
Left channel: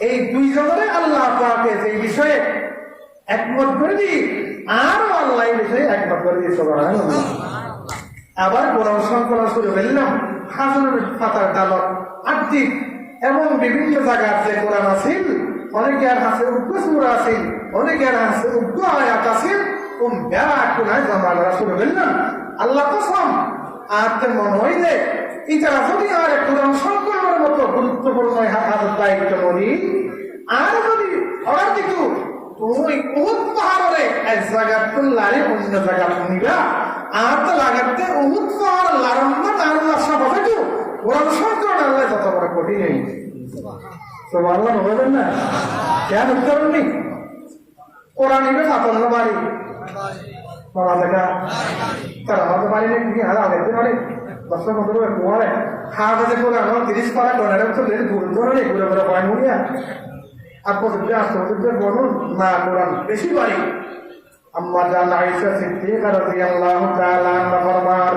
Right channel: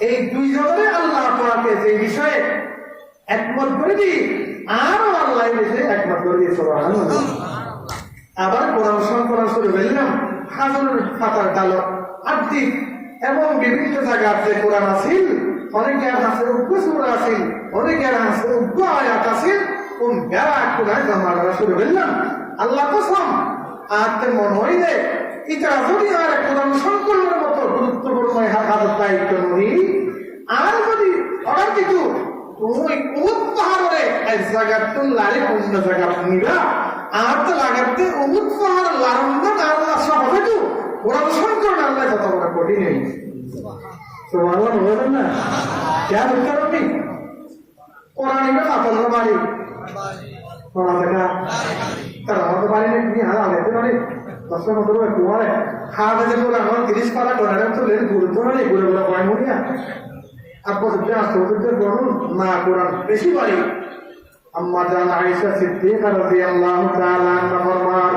এই দুইজনের আল্লাহ পাকে যে বিষয়ে একমত করে দি আর আল্লাহ এই বিষয়ে একমত করে দি সুবহানাল্লাহ। আবার কোরআন সংকলন শুরু করলাম হাজার পাতার ডালক আর্থিক এবং বিভিন্ন জায়গার যে কোরআন আছিল অনেকের হাতে উগ্র সূরা আছিল অনেকের হাতে উগ্র আয়াত আছিল কোরআন জমা করা শুরু করলাম। আল্লাহ কসম আজকে মনে হইলে এটা যদি আর কোরআন সংকলনের মতো গুরুত্বপূর্ণ হাতের দায়িত্ব নই আর যদি অর্ডার দিত তুমি উহুদ পাহাড়ে এক জায়গা লারে অন্য জায়গা নিবা আর তো লাগাতে উহুদ পাহাড় লারম্ব আল্লাহ সব হবে কোরআন সংকলন আল্লাহ যত বড় কঠিন নেই তো আল্লাহ বলবেন না কেন করেননি কোরআন নিবে সাফল্য বাড়ি বাবা দেখা তারা হতে পারি না কি হারা দেখতে পারি দশটা মতো তোমারে খাওয়া যে করে আমার 30 পারা করে তো ঘুরে ধরে নেই ঘুরে ঘুরে পয়েন্ট মরিয়া আপদ আসতে বলুন না কোরআন বেশি বাড়ি আম্মা জান আয়েশা সিদ্দিকা রাদিয়াল্লাহু তাআলা আনহা ফরমান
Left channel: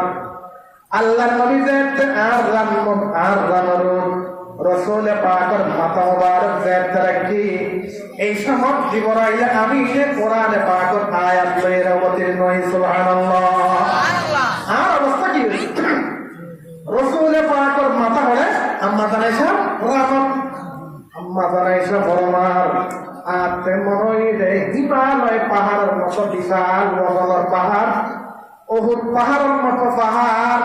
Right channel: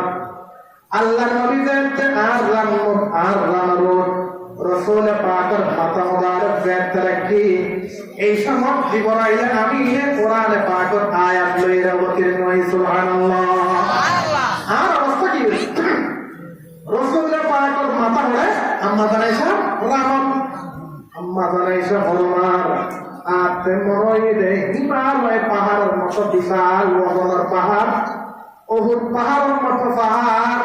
আল্লাহর নবী যে আর রানরুদ রাসূল পাকের মাথা মুবারক জাত রাখি এই সময় জীবনাইলে আমি কোরআন পাকের আয়াত লইরা অবতীর্ণ হই সুবহানাল্লাহ। আর অবস্থা কি রাসূল পাকের মাথা হলে আম্মা জান আয়েশা রামত আম্মা জান আয়েশা ফরমান আপনি মনে হয় যে হিমালয় পাহাড়ের মতো বিশাল ওজনের পাহাড় উহুদ পাহাড়ের মতো পাহাড়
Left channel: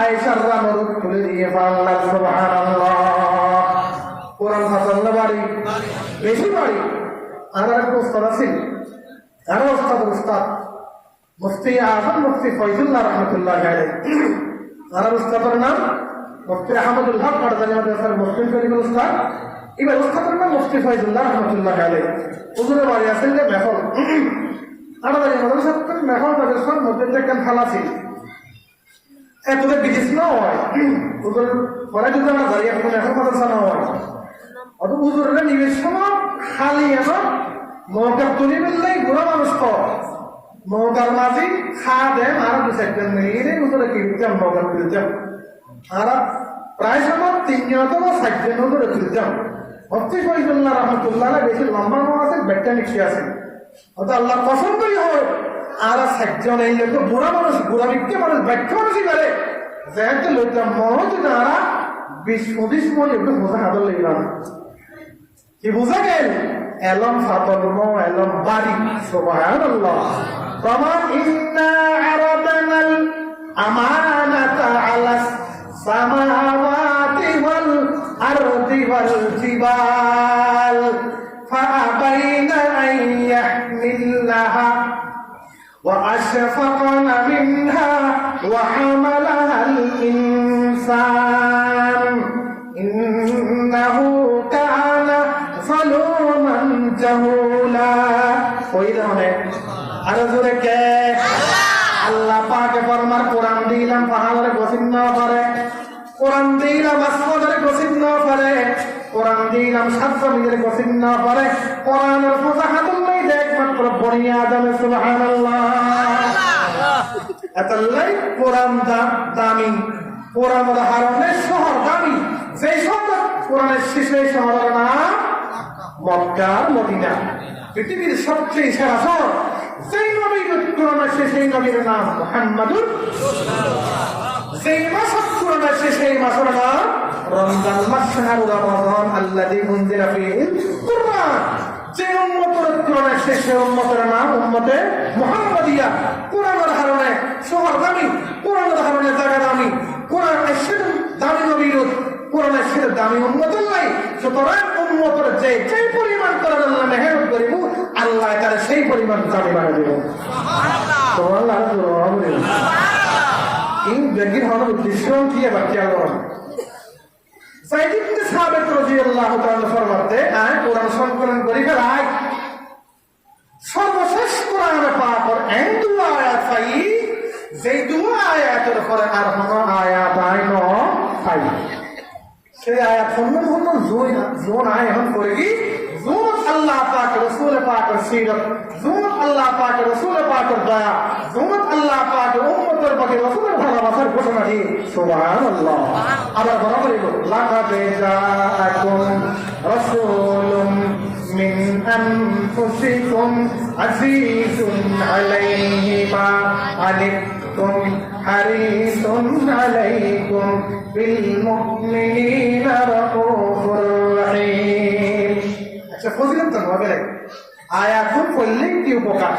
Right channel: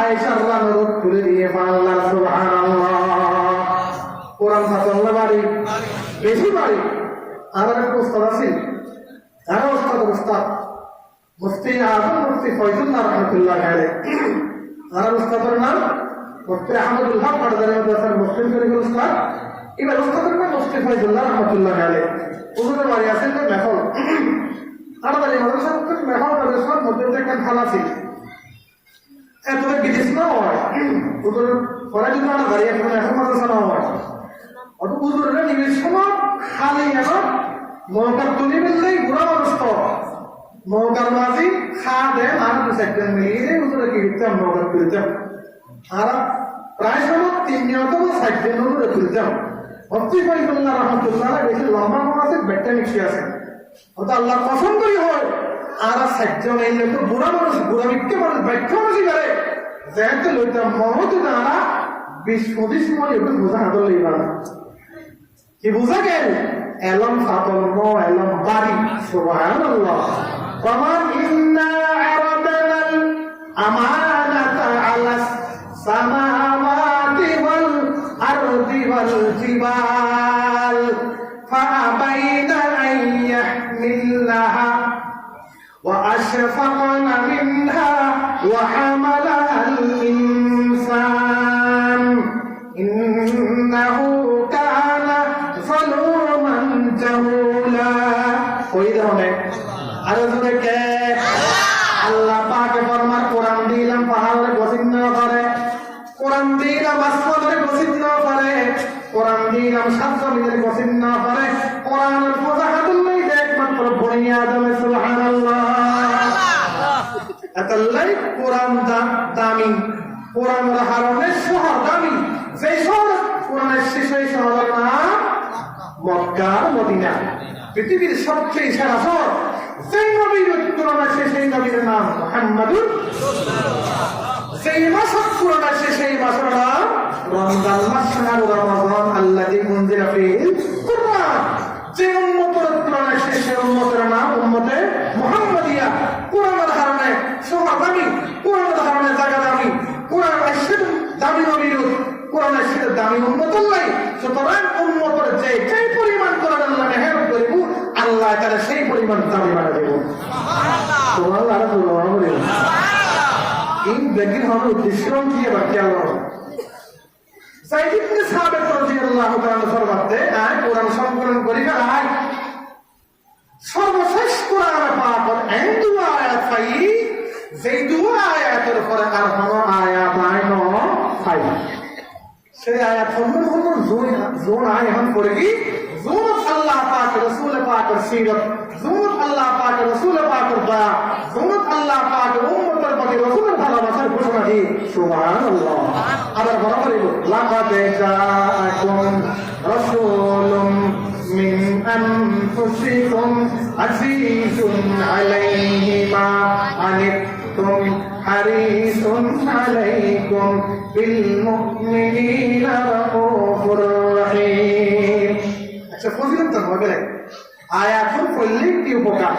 আয়েশার রানরুদ তুলে দিয়ে পারলাম সুবহানাল্লাহ। কোরআন ফাতাল্লাহ বাড়ি বেশি বাড়ি আর একটা উস্তাদ আছেন আর উস্তাদ মুফতি আজম মুফতি ফয়জুল্লাহ রহমতুল্লাহ আলাইহি আর উস্তাদের নাম মুফতি আহমদুল হক মাদানী মাদ্রাসার মুসলিম শরীফের উস্তাদ এবার উস্তাদের নাম মুফতি ফয়জুল্লাহ রহমতুল্লাহ আলাইহি হুজুরের বাড়ি আছেন যে মেহল আমাদের মাদ্রাসার মেহল মাদ্রাসার মধ্যে একটা খালা ছিল এতটা বিদেশ না হয় ওদের পরে যদি আমরা দাঁড়িয়ে এখন এখন মাদ্রাসা না হয় অত হুজুরের নিজস্ব খালি আমার নৌকার তুলি ফেললেই বুড়া মানুষ নৌকার মাঝি খা দেন আর দু চারজন মিলিয়ে উঠে কি দিতাম নৌকার তুলতাম আর প্রায় সময় তিনজন অথবা চারজন উঠে তুলতাম অতি ফরিদুল্লাহ রহমতুল্লাহ বেশি লম্বা নৌ আছে বেটটা মিক্সি আছে অত আল্লাহ পছন্দ করি হয় আর চারজন এই লোক বুড়া মানুষ বুড়া বিক্রি মানুষ বাক্য মানুষই করে যেহেতু লইতাম মহৎ নারা 20-25 মনে একটু বোঝা হাতল লইলাম কি বোঝা গেল এলম ফাতল ন এলম বাড়ি সুবহানাল্লাহ প্রমাণ ইন্না আরাদানাল আমানাতা আলাস সামাওয়াতি ওয়াল আরদি ওয়াল জিবাল ফাআবাইনা আন ইয়াহমিলনাহা وأشفقن منها وحملها الإنسان إنه كان ظلوما جهولا আল্লাহ পাকে ফরমার কোরআন দিলাম পাহাড়ে গোসিন্ন করে কোরআন দিলাম আসমানের গোসিন্ন করে কোরআন দিলাম সাত জমিনের গোসিন্ন করে কোরআনের ফুজাহাতুল নেই একমাত্র বনি আদমে সুবহানাল্লাহ এতলাই কোরআন দামি কোরআনের হারণে শহর দামি সেই শহর কোরআনের শেষে শহরের নাম মক্কা মদিনা পৃথিবীর সবচেয়ে সেরা শহর সেই নবীর কোরআনের শেষে নবীর নাম মুহাম্মাদুর সেই মাস কোরআনের শেষে মাসের নাম রমজান মাস শাহরু রমাদান আল্লাযী উনজিলা ফীহিল কুরআন যে উম্মতের কোরআনের শেষে উম্মতের নাম উম্মতে মুহাম্মাদিয়া কোরআনের হারণে শহর দামি কোরআনের হারণে জায়গা দামি কোরআনের শেষে দামি নবীর কোরআনের শেষে দামি উম্মত নাই সুতরাং উম্মতের যে পরিমাণ কোরআন আল্লাহ মেহেরত করিব আল্লাহ তারা সেই পরিমাণ দামি বানা দেব সুবহানাল্লাহ সুবহানাল্লাহ এই ব্যক্তির হওয়ার উদ্দেশ্য কি আবার খেয়াল করবেন সাইদ ইবনে সাবিত রাদিয়াল্লাহু তাআলা ফরমাতে আয় কোরআন সংকলন করি ফেলাই সর্বশেষ কোরআন পাকের এই দুয়া আয়াত পাই যেই দুয়া আয়াতের পরে আর কোনো আয়াত আইন পাই সেই আয়াত সম্পূর্ণ জোন আয় এখন পড়ে কি জোন আল্লাহ পাক রাসূল পাকের সিরাত জোন আল্লাহ পাক রাসূল পাকের দয়া জোন আল্লাহ পাক উম্মতের প্রতি রাসূলের ভালোবাসার ঘোষণা দি সুবহানাল্লাহ আবার বলা করিব লাকাদ জাআকুম রাসূলুম মিন আনফুসিকুম আজিজুন আলাইহি মা আনিতুম হারিসুন আলাইকুম বিল মুমিনিনা রাউফুর রহিম আচ্ছা ফজিলত তো হবে আয়াত পড়লে কি উপকার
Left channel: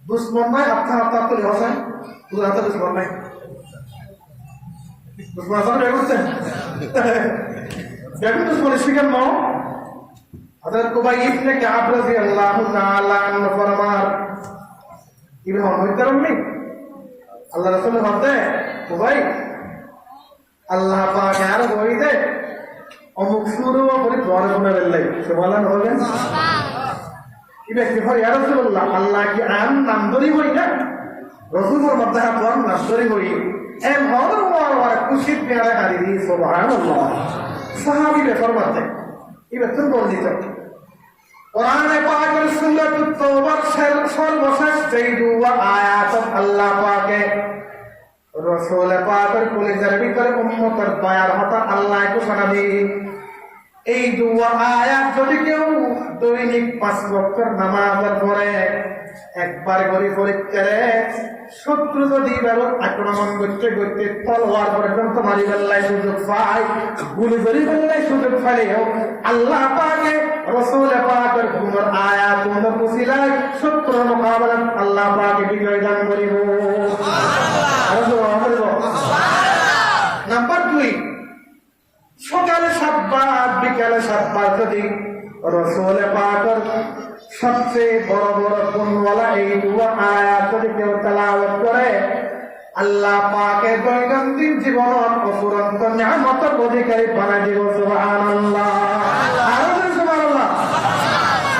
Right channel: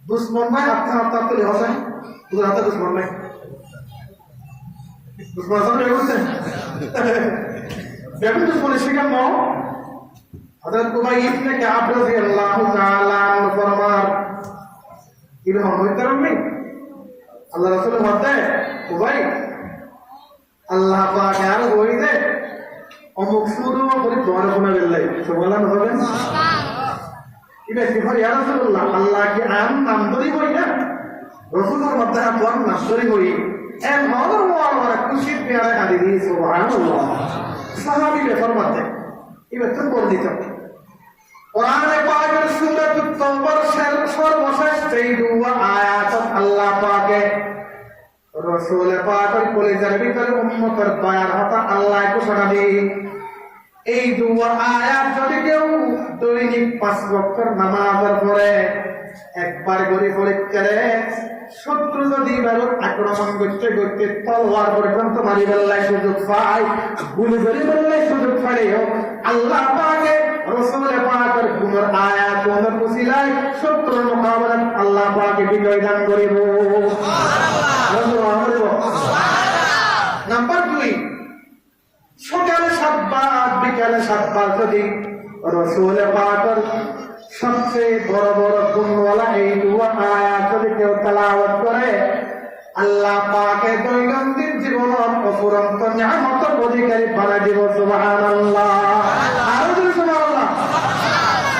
দুশ্মন নাই আপনার তো হোসেন তোর হাতে দুশ্মন নাই দুশ্মন আসলে বেগুনছেন বেগুন দুশ্মন স্পিকার ন হযরত কুবাই ইবনে কাব রাদিয়াল্লাহু তাআলা আনহু ফরমান ইবনে মুহতারাম নেই আল্লাহ রাসূল বলতে কুবাই আল্লাহ পাক আর বইতে অমুক শুরু করে দোয়ার কোনা বেলাই সুবহানাল্লাহ হবে ইবে কি হয় ইয়া রাসূলুল্লাহ আল্লাহ কি আম নাম ধরি হই না রাসূলের মধ্যে তোর নাম ধরি হই এম হদর ওয়ার খুশি পেয়ারে হাদিস সুবহানাল্লাহ সাহাবী বে ফরমাতে ইবে তুমি বল দিছ কোরআনে পাকের সূরাতুত তাওবার সর্বশেষ যেই দুয়া আয়াত আল্লাহ পাকে রাসূল পাকের কলিজার ভিতরে উম্মতের দয়ার হতা আল্লাহ ঘোষণা দিয়ে এই দুয়া আয়াত যদি কেউ দৈনিক 5 ওয়াক্ত নামাজের পরে একবার করে পরীক্ষারে শত্রু যদি এবার আক্রমণ করতে করতে তলোয়ার পর্যন্ত মারি ফেললাই সুযোগ পায় গুলি ধরি ফেললাই সুযোগ পাইলেও আল্লাহ পাকে রাসূল পাকের গুণের আয়াত গুণের পুছিলাই শত্রুর মোকাবেলা আল্লাহ পাকে বিজয় দান করিব সুবহানাল্লাহ নাম্বার 2 সকালে 7 বার বিকালে 7 বার যদি রাসূল পাকের সবচেয়ে বড় বড় গুণওয়ালা এই দুয়া আয়াত যদি কেউ তেলাওয়াত করে আল্লাহ পাকে দৈনন্দিন জীবনের অফুরন্ত নিয়ামতের অধিকারী বানাই দিব সুবহানাল্লাহ আরো সুবহানাল্লাহ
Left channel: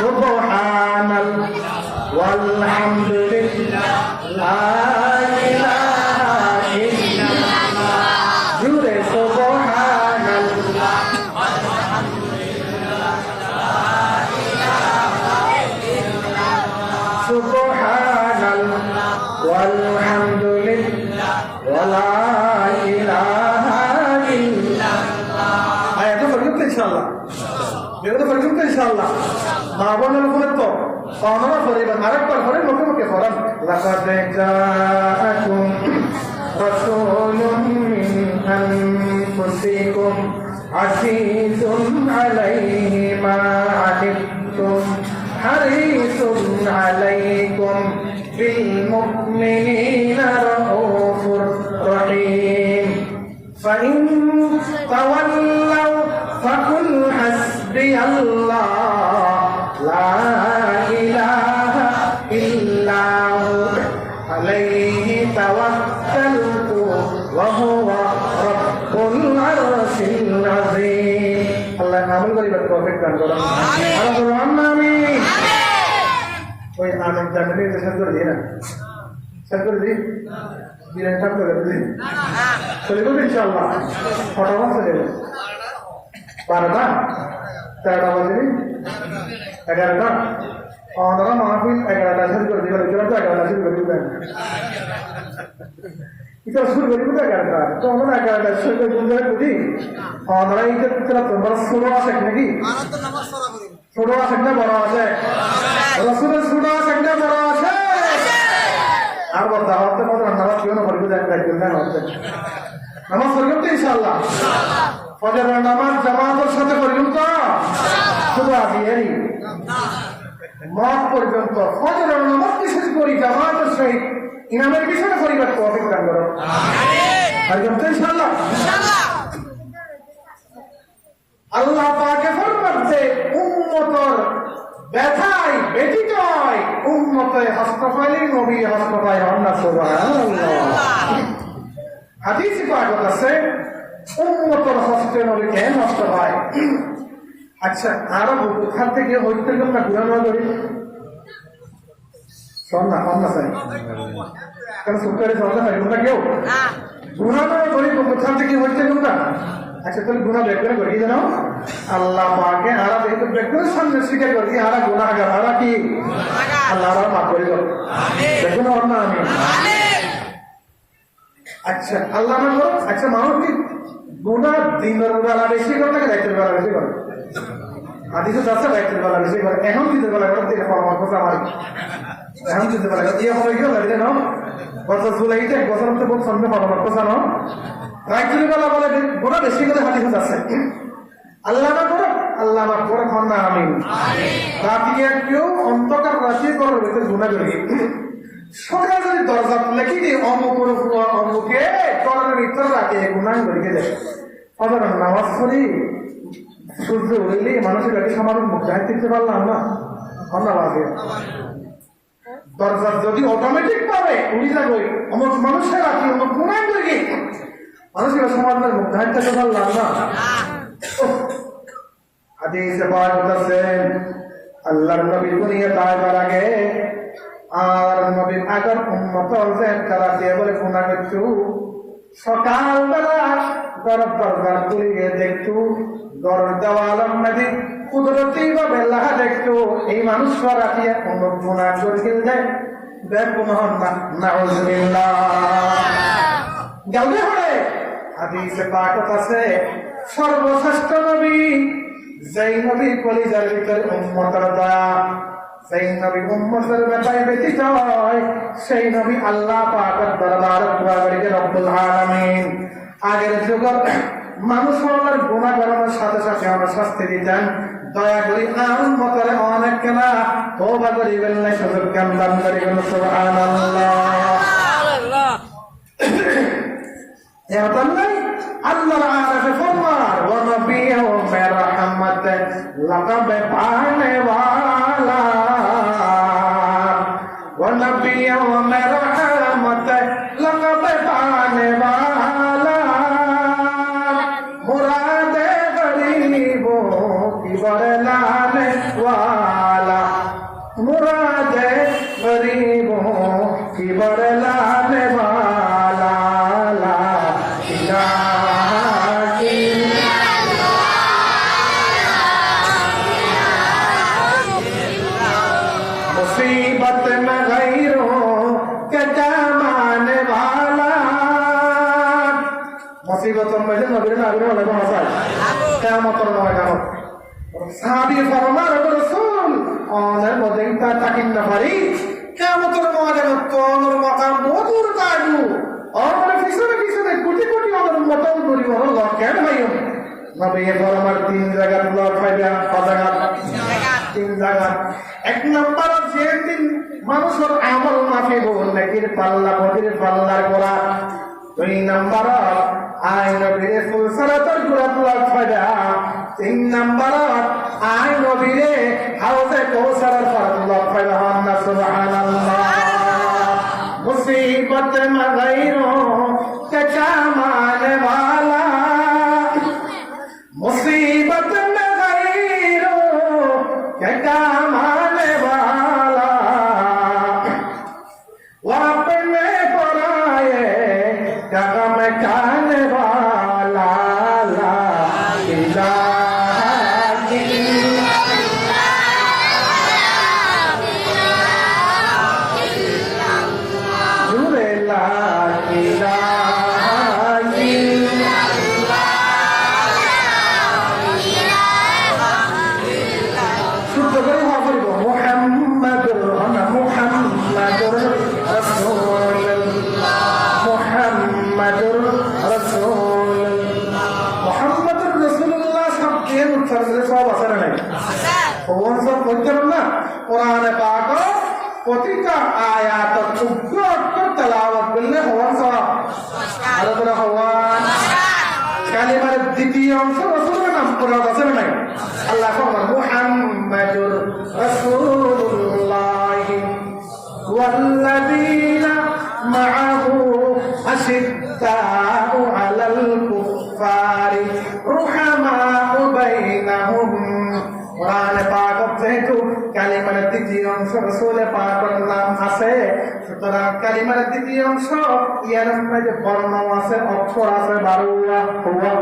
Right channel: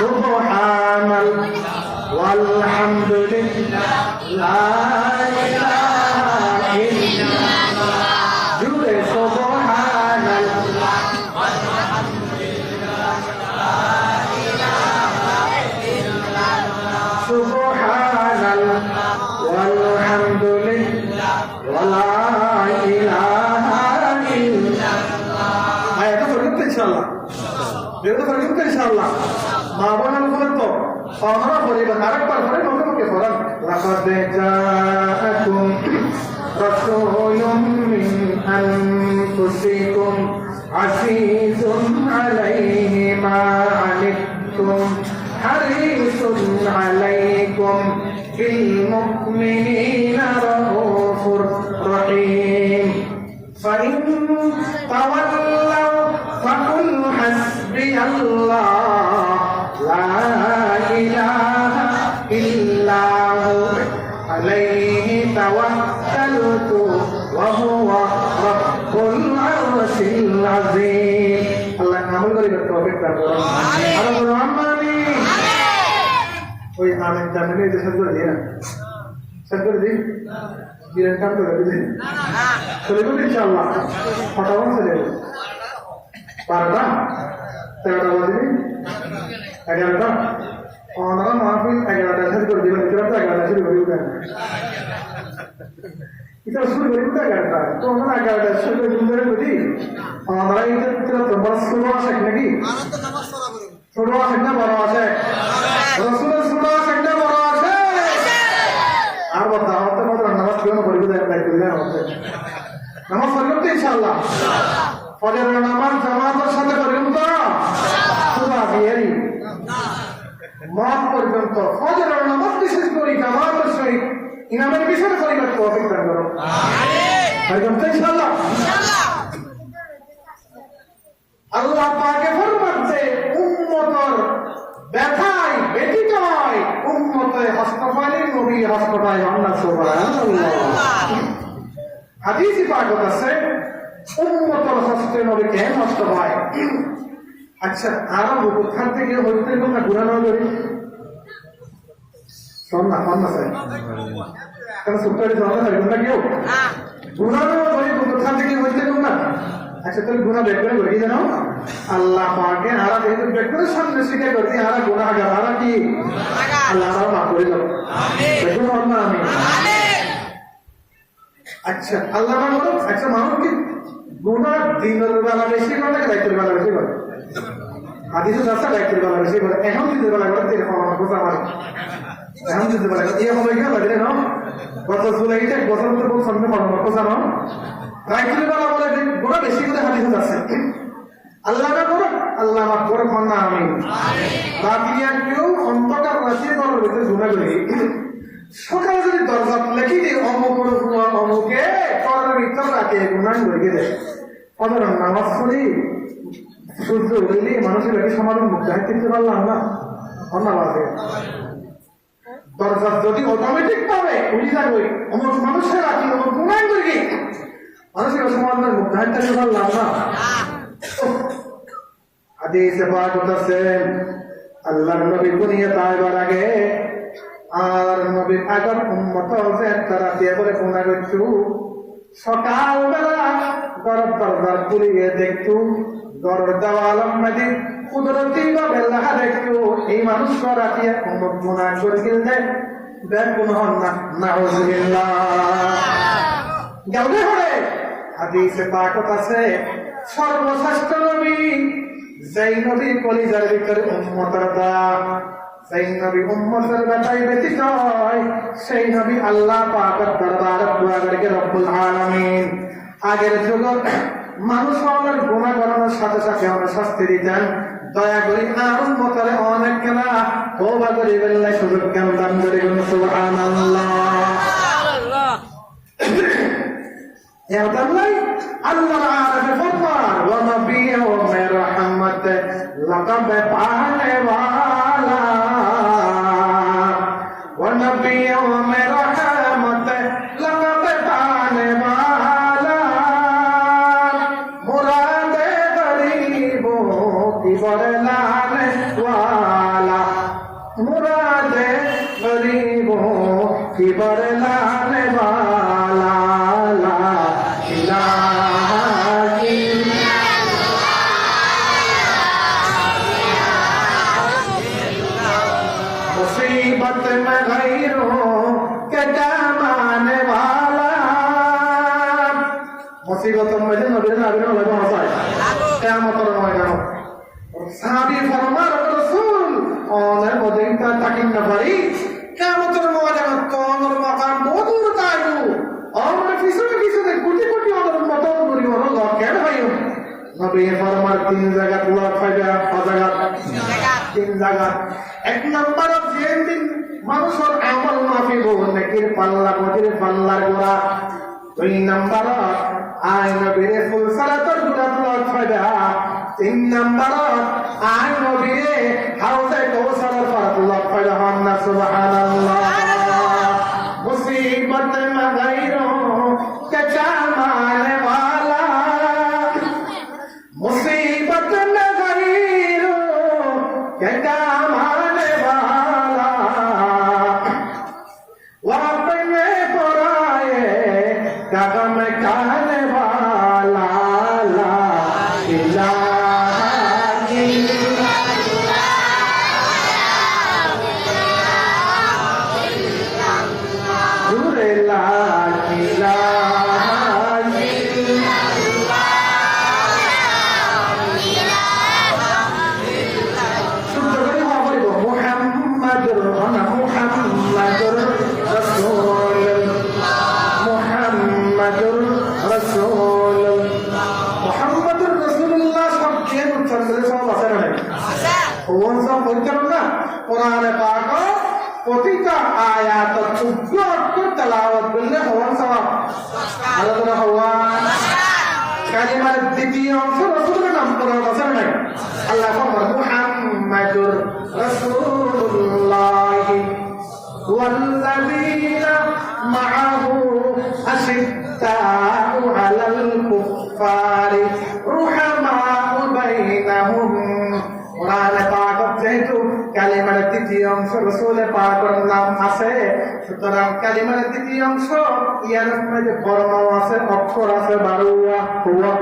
সুবহানাল্লাহ ওয়ালহামদুলিল্লাহ লা ইলাহা ইল্লাল্লাহ জুরে সুবহানাল্লাহ ওয়ালহামদুলিল্লাহ লা ইলাহা ইল্লাল্লাহ ওয়ালহামদুলিল্লাহ ওয়ালা ইলাহা ইল্লাল্লাহ। আয়াত পড়বেন তো ইনশাআল্লাহ, যেটা পড়বেন তো ইনশাআল্লাহ। মা বোনের উপরে তো আমরা পড়িবেন, আরেকবার পড়ে মুখে মুখে পড়েন। লাকাদ জাআকুম রাসূলুম মিন আনফুসিকুম আজিজুন আলাইহি মা আনিতুম হারিসুন আলাইকুম বিল মুমিনিনা রাউফুর রহিম। ফাইন তাওয়াল্লাউ ফাকুল হাসবিয়াল্লাহ লা ইলাহা ইল্লাহু আলাইহি তাওয়াক্কালতু ওয়া হুয়া রাব্বুল আরশিল আযীম। আল্লাহ আমল করি তৌফিক দান করুন। আমিন। আর বলুন আমিন। ওই আমিন জানলে যে সব করে দিই না, সব করে দিই দিলেন কাম করে দিই চলে যাবে ইনশাআল্লাহ। ফটাফট চলে যাবে। 12টা 13টা বাজে 11টা ওনারা মাহফিল 11টা শুরু করে দিবেন, 11টা শুরু করে দিবেন। এটা শুরু করে দিবেন 11টা, তো আমরা 11টা শুরু করে দিবেন বুঝি। ওনারা এটা তোরা তোমার শুরু আছে নাকি? ছোট আছে না বড় আছে? রসুলের ছোট আছে না বড় আছে? আর বলতে হতে পারে নামাজ কেউ না পড়িবে দেখবেন না হতে নামাজ পড়বেন তো ইনশাআল্লাহ। ফজরের নামাজ জামাতের সাথে পড়বেন তো শুধু আজিয়ারি মত পর্যন্ত ফজরের নামাজ বিশেষ করে জামাতের সহিত ইমামের পিছনে পরিবার তৌফিক দান করুন। আমিন তো ইনশাআল্লাহ। আল্লাহ পাকে ফরমান যে উম্মতর ব্যথায় ব্যথিত হয়, উম্মতে হস্তপাইলে নবী হস্তপাই হন না। সুবহানাল্লাহ। হাদিসে পাক আছে উম্মতর হস্তে নবী কেন হস্ত পায়। আচ্ছা আরো বুখার থেকে হইতে গেল না গুনাহ করি শোন না কম না স্যার কেন সুপারি জমা থাকে গুনাহ কেউ গুনাহ করি বুখার থেকে হইতে গেল না। আচ্ছা তাহলে গুনাহ বের করে করি জানো আল্লাহ পাকে আরা যেহেতু বের সামনে স্বীকার করি আরা গুনাহগার, আরা কি আল্লাহ আরা মাফ করে দাও। দেখুন না আমি আচ্ছা আল্লাহ না করো। আচ্ছা মানুষ কি গুনাহ দিনের বেলা বেশি করে নাকি রাতের বেলা বেশি করে? হাদিসে আছে রাতের বেলা বেশি করে। এখন দিনের বেলা করে দেখো আমার কথা আমার এখন দিনের বেলা করে ইয়ে হবে গিয়ে লাগে না গত জুলাইতে গত তো বল সামনে আমার কথা না রাতের বেলা বলে গুনাহ বেশি করে হাদিসে আছে। আল্লাহ না করো আল্লাহ মাফ করে না আমি রাতে কেউ অন্ধকার রাতে তোর ভিতরে গুনাহ করি সকালে যদি দরজা লেখি দিই অমুকের অমুকে কলের ভিতর রাখে গুনাহ করিয়ে দেয়। আবার নামাজ পড়ি সূর্য উঠলেই মানুষের আগে সমাধান মুখ দায়িত্ব দিতে পারলাম না ধন্যবাদ। দরজা যদি অটোমেটিক পাবে উনি যাবে অমুক মানুষের রাখি অমুক গুনাহ করি মানুষের সমাধানের মুখ দায়িত্ব দিতে পারলাম না। হাদিসে পাক বলতেছেন আল্লাহর নবী দুনিয়া তাইবার আগে আর নবীর আগর উম্মত যে তারা দিয়ে বলে গুনাহ করছু সকালবেলা গরব দরবার খুলিয়ে দেখতু গরর দেওয়ালের মধ্যে কুদরতি ভাবে লেখা দেখতু এই মানুষ রাতিয়া অমুক গুনাহ করে দেয় দেখুন হন না নাউজুবিল্লাহ গাউদে হরে। হাদিসে পাক আছে সর্বশ্রেষ্ঠ নবী যেই নবী কলিজার ভিতরে উম্মতের দয়া, সেই নবী উম্মতের ব্যথায় ব্যথিত হয়, সেই নবী আল্লাহ পাকের দরবারে দোয়া করে রব্বুল আলামিন আগের যুগের মানুষ আমাদের গুনাহ করানোর সাথে সাথে আমরা শাস্তি দিতেন। দয়া করি আর উম্মতের অনেক কেনা তওবা করি বললে সুযোগ জ্ঞান দান করি সুবহানাল্লাহ। আল্লাহ আরশে ফরমান ওয়া নবিয়্যু রাহমাত লাকাব পানে ওয়ালা ওয়া নবিয়্যু রাহমাত লাকাব পানে ওয়ালা মুরাদে গরিবো কি বরলানে ওয়ালা মুরাদে গরিবো কি বরলানে ওয়ালা मुसीबत में गैरों ব্যক্তিগত মেজে নবীর নাবির হলে পৌঁছায় কিয়ামতের ময়দানে সাহাবী ফরমান রাসূল অনের মধ্যে তাকিন না পারি কিয়ামতের ময়দানে তোর মাকাম মধুর কাজু অনের পিছনে পিছনে কোটি কোটি অনের মতন করি ওর লকেট হইও নবী ফরমান তিন জায়গা লক পাইবে জায়গা তিন জায়গা এক নম্বর যে দিন মানুষের আমল মাফিব নাকির পাল্লা মতির পাল্লার গোড়া দুই নম্বর আয় নবীরে ফুল সালাতের গোড়া লক পাইবে তিন নম্বর আয় নবীরে হাউজে কৌসারের ফারাত লক পাইবে না সুবহানাল্লাহ मुसीबत में गैरों के चामाने वाला मुसीबत में गैरों के चामाने वाला वह अपने पराए कदम खाने वाला ला इलाहा প্রতিটা আয়াত উগ্র তেলাওয়াত করলে হওয়ান সওয়াব আলোচনা হওয়ান কালিমার দ্বিতীয় অংশ রাসূলের নাম কোরআন আছে না নাই আল্লাহ ফরমান মুহাম্মাদুর রাসূলুল্লাহ ওয়াল্লাযীনা মাআহু আশিদ্দাউ আলাল কুফফারি রুহামাউ বাইনাহুম কোরআনে পাক যেহেতু কালিমার দ্বিতীয় অংশ রাসূলের পাকের নাম আছে সুতরাং কালিমার দ্বিতীয় অংশ ইয়ার মধ্যে বর্ণ আছে অক্ষর আছে 12 হুয়া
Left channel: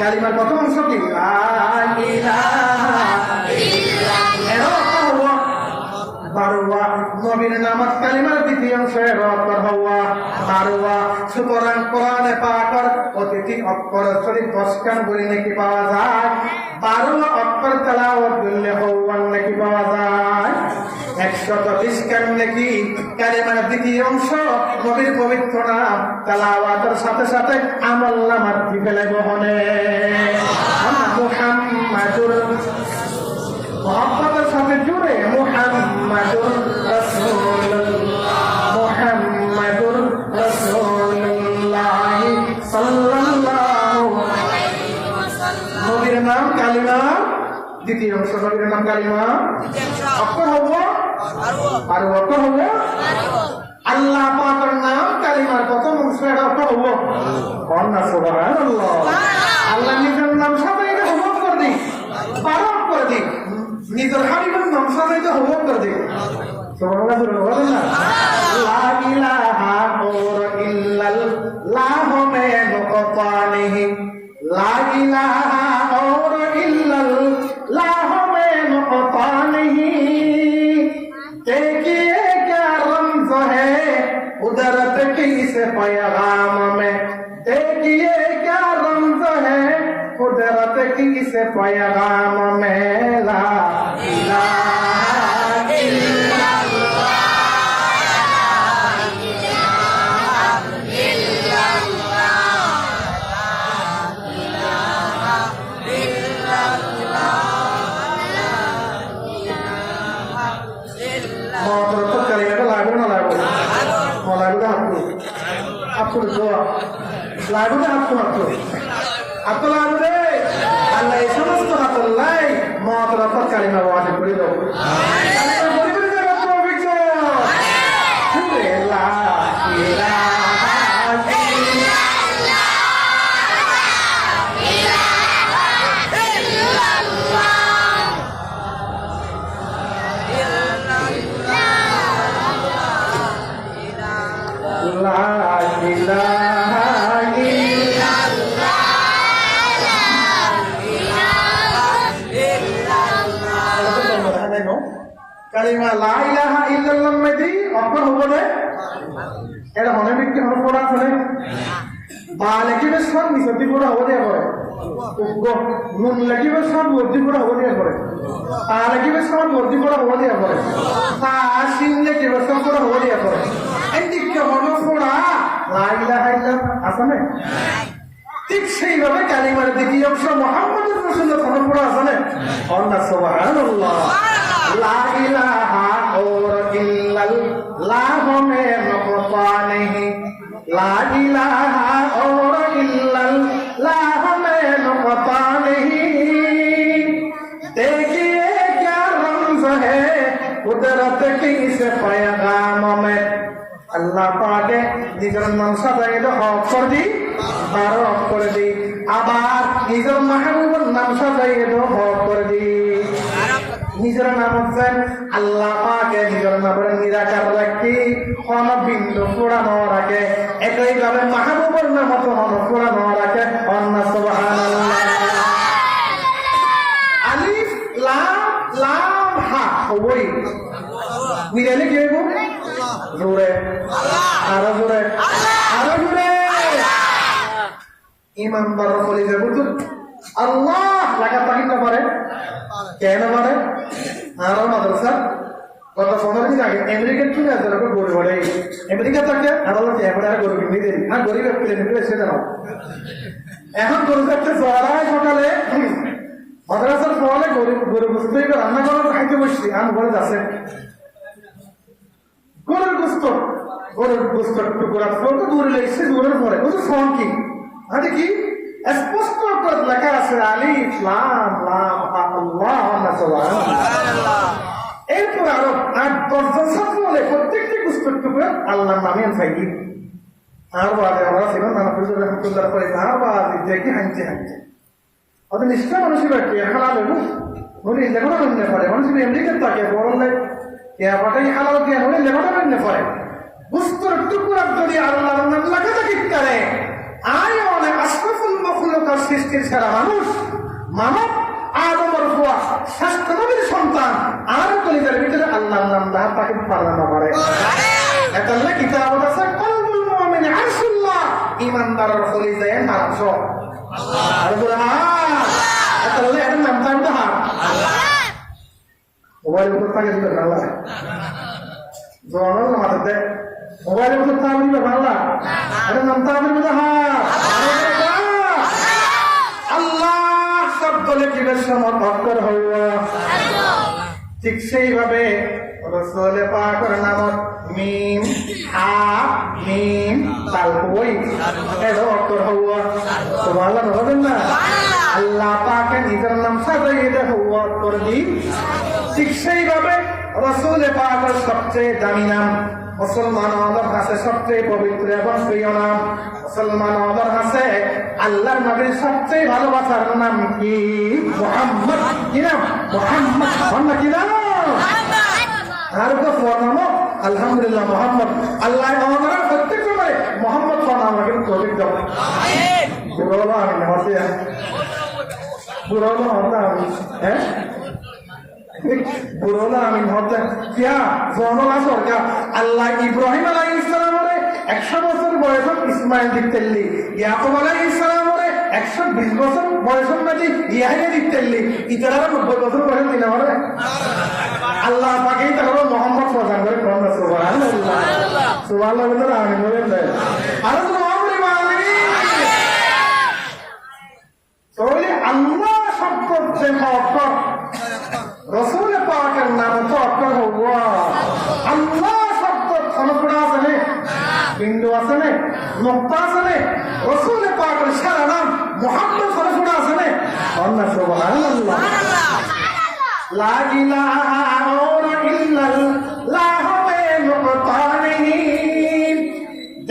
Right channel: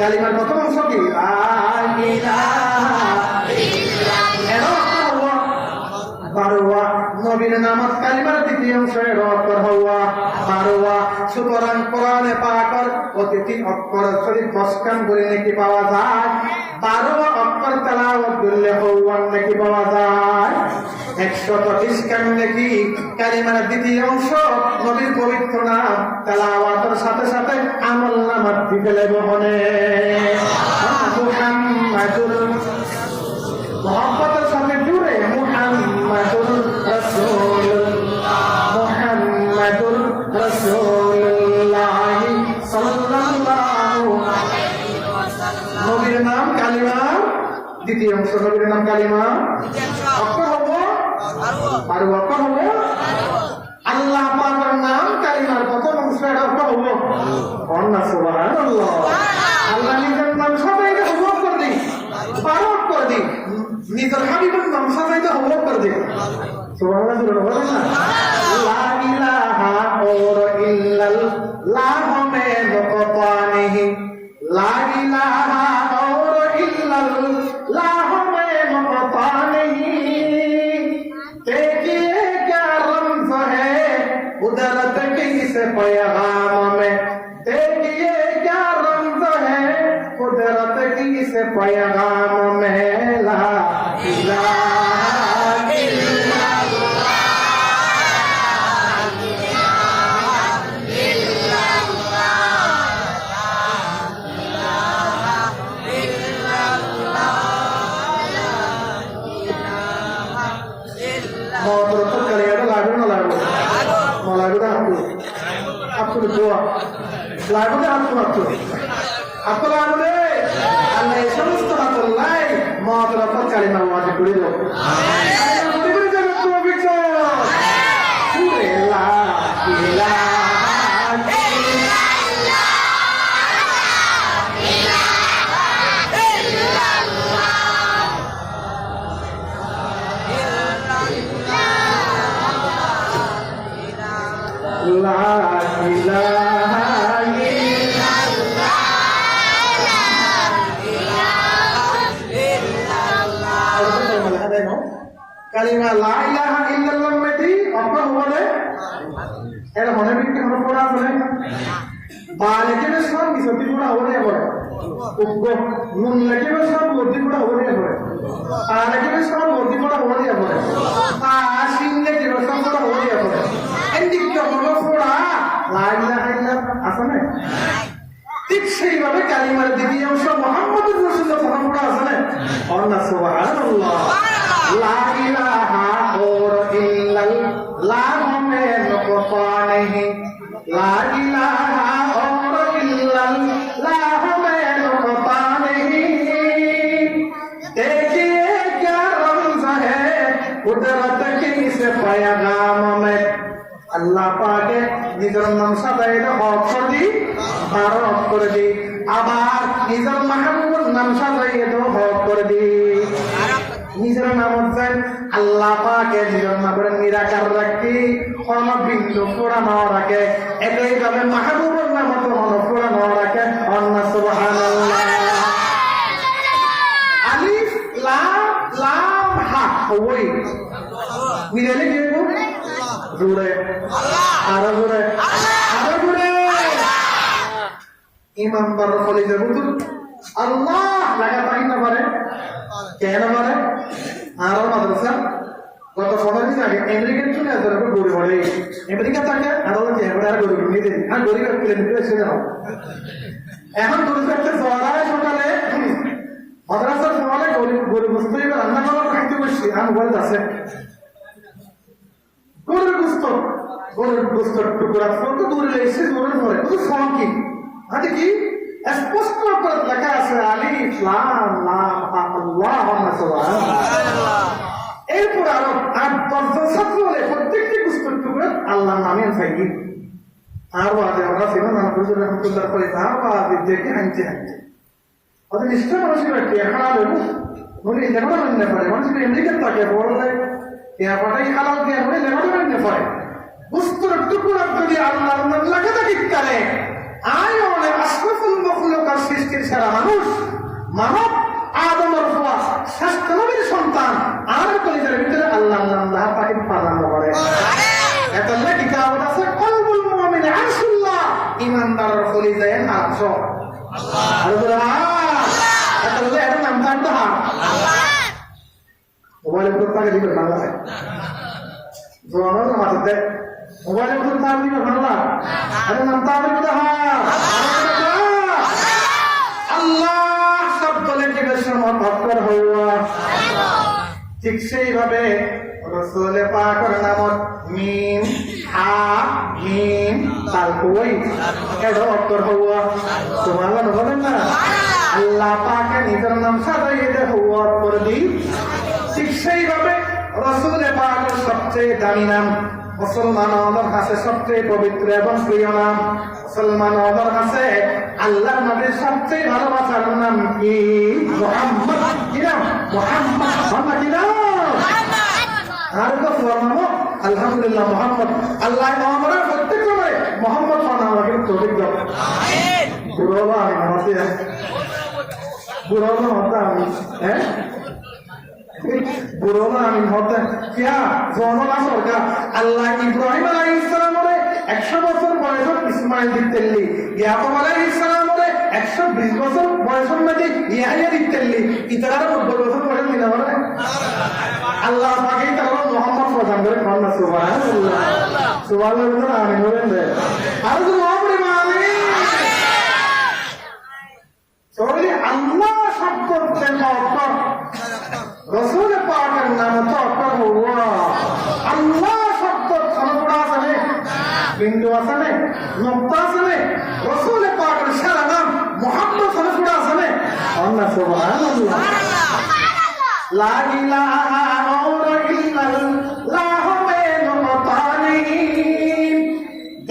কালিমার প্রথম অংশ কি লা ইলাহা ইল্লাল্লাহ বারওয়া নবীর নামত কালিমার দ্বিতীয় অংশ এর অক্ষর হওয়া বারওয়া সুতরাং কোরআনে পাকের প্রতিটি অক্ষর শরীফ 10 কান বলে নাকি পাওয়া যায় 12 অক্ষর তেলাওয়াত করলে হওয়ার নাকি পাওয়া যায় 120 কান নাকি কালিমার দ্বিতীয় অংশ নবীর পবিত্র নাম তেলাওয়াতের সাথে সাথে আমলনামাত দিলে বহনে মুহাম্মাদুর মোহাম্মদের সাথে জুড়ে মুহাম্মাদুর রাসূলুল্লাহ সাল্লাল্লাহু নবীর নাম কালিমা দ্বিতীয় অংশ নবীর নাম কালিমা অক্ষর হবো আর অক্ষর হবো আল্লাহ পাকের নাম কালিমার প্রথম অংশ এটা অক্ষর হবো কন্যা সুবহানাল্লাহ আল্লাহ নিজের নাম সবাইকে হবো করে দিই পারক করে দিই নিজের হাবিবের নাম সবাইকে হবো করে দিই সুবহানাল্লাহ বলেন না লা ইলাহা ইল্লাল্লাহ মে নকতা নেহি লা ইলাহা ইল্লাল্লাহ মে নকতা নেহি देखिए क्या रमज़ है कुदरत की इस पैगाम में देखिए क्या रमज़ है कुदरत की इस पैगाम में ला इलाहा आपको जोआ लाडू दे आपको आपको लाडू दे अल्लाह ये समस्त बात अल्लाह मौत रफत कालिमा वाजिब করে দাও পরিবার জগৎ को बिचो पूरे ला इलाहा কালিমা লা ইলাহা ইল্লাল্লাহ মধ্যে অক্ষর হবে এর মনে বিক্রি হলো পড়া আছে বা লেখিবে সব মিশতি পড়া হবো দিয়ে পড়ে নুন লেখিবে সব লব্ধি পড়া হবো দিয়ে পড়ে পা লেখিবে সব লব্ধি পড়া হবো দিয়ে পড়ে পা সিং লেখিবে সব পড়া হবো দিয়ে পড়ে এই দিকটা হলো পড়া লাইলা হাইলা আসামে ঠিক সেইভাবে কালিমার দ্বিতীয় অংশ মুহাম্মদুর রাসূলুল্লাহ সাল্লাল্লাহু আলাইহি ওয়াসাল্লাম আল্লাহ সুবহানাল্লাহ লা ইলাহা ইল্লাল্লাহ में नुक़ता नहीं ला इलाहा और इल्लल्लाह में नुक़ता नहीं देखिए क्या रमज़ है कुदरत की इस पैगाम में আল্লাহ পাকে নিজের নাম সাজাইতে হক করে দি বারক করে দি আবার নিজের মাহবুবের নাম সাজাইতে হক করে দি নিজের নাম হচ্ছে আল্লাহ পাকে নিজের নামের নিরাকার রাখি কোন বিন্দু পুরানো রাখে একইভাবে মাহবুবের নাম তো মন পুরানো রাখে অন্য সুবহানাল্লাহ আলিফ লাম লাম হা ওই মিলালে কি হবে জোরে আরো জোরে আরো জোরে ইমানদার বলে যে বুঝুন আল্লাহ লাগা পাই না পারে কেন পারে আরো মাদ্রাসা গত 15 দিন আগে আমেরিকার থেকে আসলে গরিব বলে আমেরিকা থেকে আরো ক্যামেরা আর গরিব নিয়ে দেন আর গরিব পেলে নিতে এসে জানাও এখন গরিব একটা জোয়ারায় সকালে মাদ্রাসার ফলে গরিব গরিব বস্তু রান্না করার খাইতে বসছি আমি বলে আছে গরুর গোস্ত টুকরা ফটো দূরে লেগেছে দূরের পরে ওই ফোন কি আরে কি স্পষ্ট করে লেখা আছে আলিফ লাম লাম আল্লাহ সুবহানাল্লাহ এরপর আরো 8-10 ছাত্র হলে প্রত্যেকটি গোস্ত টুকরা আল্লাহর নামে চাইবি আর বাদে আমরা সেখানে নানা পরিচয় রহমতুল্লাহ করে আর বাদে দেখে হাঁটছে ওদের নিষ্ঠা মানুষের ব্যক্তি হালাল হইব বলি লেখাটা মানতে পারে মানুষ আমেরিকার তাকে বললে পাঠাই হালাল জ্ঞান হলে লেখাটা মানতে পারে বুস্তর টুকুরার যদি আল্লাহর নাম লাগাতে কিত্তারে আয় অনেক আশরাফুল মাখলুকার সৃষ্টির সারা মানুষ মানব আদমের হওয়া শ্রেষ্ঠ নবীর সন্তান আর কলিজার ভিতরে আল্লাহর নাম না তাকে পালানো পারে এতলে কিতাব আছে কলবুল মুমিন আরশুল্লাহ ইমানদারের কলিজায় নারাজ আল্লাহ আর রহমান এতলে এর নাম তার হার আল্লাহ মোবাইল উপর তাকে দিবে আল্লাহ জোয়ানোর নামাজ দে মোবাইল উপর তার দিবে আল্লাহ আরে নাম তার দিবে হার আল্লাহ শব্দ লিখিবের সময় ভক্কর হওয়া ঠিক সেইভাবে রাসূল পাকের নামত মিম হা মিম তাল কই এটা অক্ষর হওয়া সুবহানাল্লাহ বলেন না আল্লাহ পাকের নিজের নাম সাজাইতে হওয়া করে দি ঠিক সেইভাবে রাসূল পাকের সবচেয়ে দামি নাম মুসলমানদের কাছে সবচেয়ে পবিত্র এবং প্রিয় নাম মুসলমানদের কাছে আল্লাহর নবীর সবচেয়ে ভালোবাসার নাম কি মুহাম্মদ কি নাম মুহাম্মদ কি নাম আর তো নাম আলহামদুলিল্লাহ মুহাম্মদ আল্লাহ আমরা প্রত্যেক সময় মুহাম্মদ নাম রাখেন তৌফিক দাও আমিন বুড়োলা আমি নামাতে বুড়োলা হতা আমি হ্যাঁ বুড়োলা আমি হতে কিয়া জনলা সরকার আল্লাহ ইব্রাহিম আলাইহিস সালামরে 100 বছর বয়সত ইসমাইল দিতেল্লি ইয়াকুব আলাইহিস সালামরে 120 বছর বয়সত নাকি ইয়াহিয়া দিতেল্লি ইতারা 90 বছর বয়স দিনা পারে আল্লাহ পাকে তারা মুহাম্মদ প্রদান করে কোন সুবহানাল্লাহ সুবহানাল্লাহ আমি বলেন আর তো আমরে মালিক তাহলে আল্লাহ শব্দতে অক্ষর রাসূল পাকের নাম তো অক্ষর হওয়া আল্লাহ শব্দ ছনপড়া আছে না বিন্দু আছে না নুক্তা আছে না রাসূল পাকের সারা নাম মুহাম্মদ ছনপড়া আছে না আল্লাহ সুবহানাল্লাহ লা ইলাহা ইল্লাল্লাহ में नुक़ता नहीं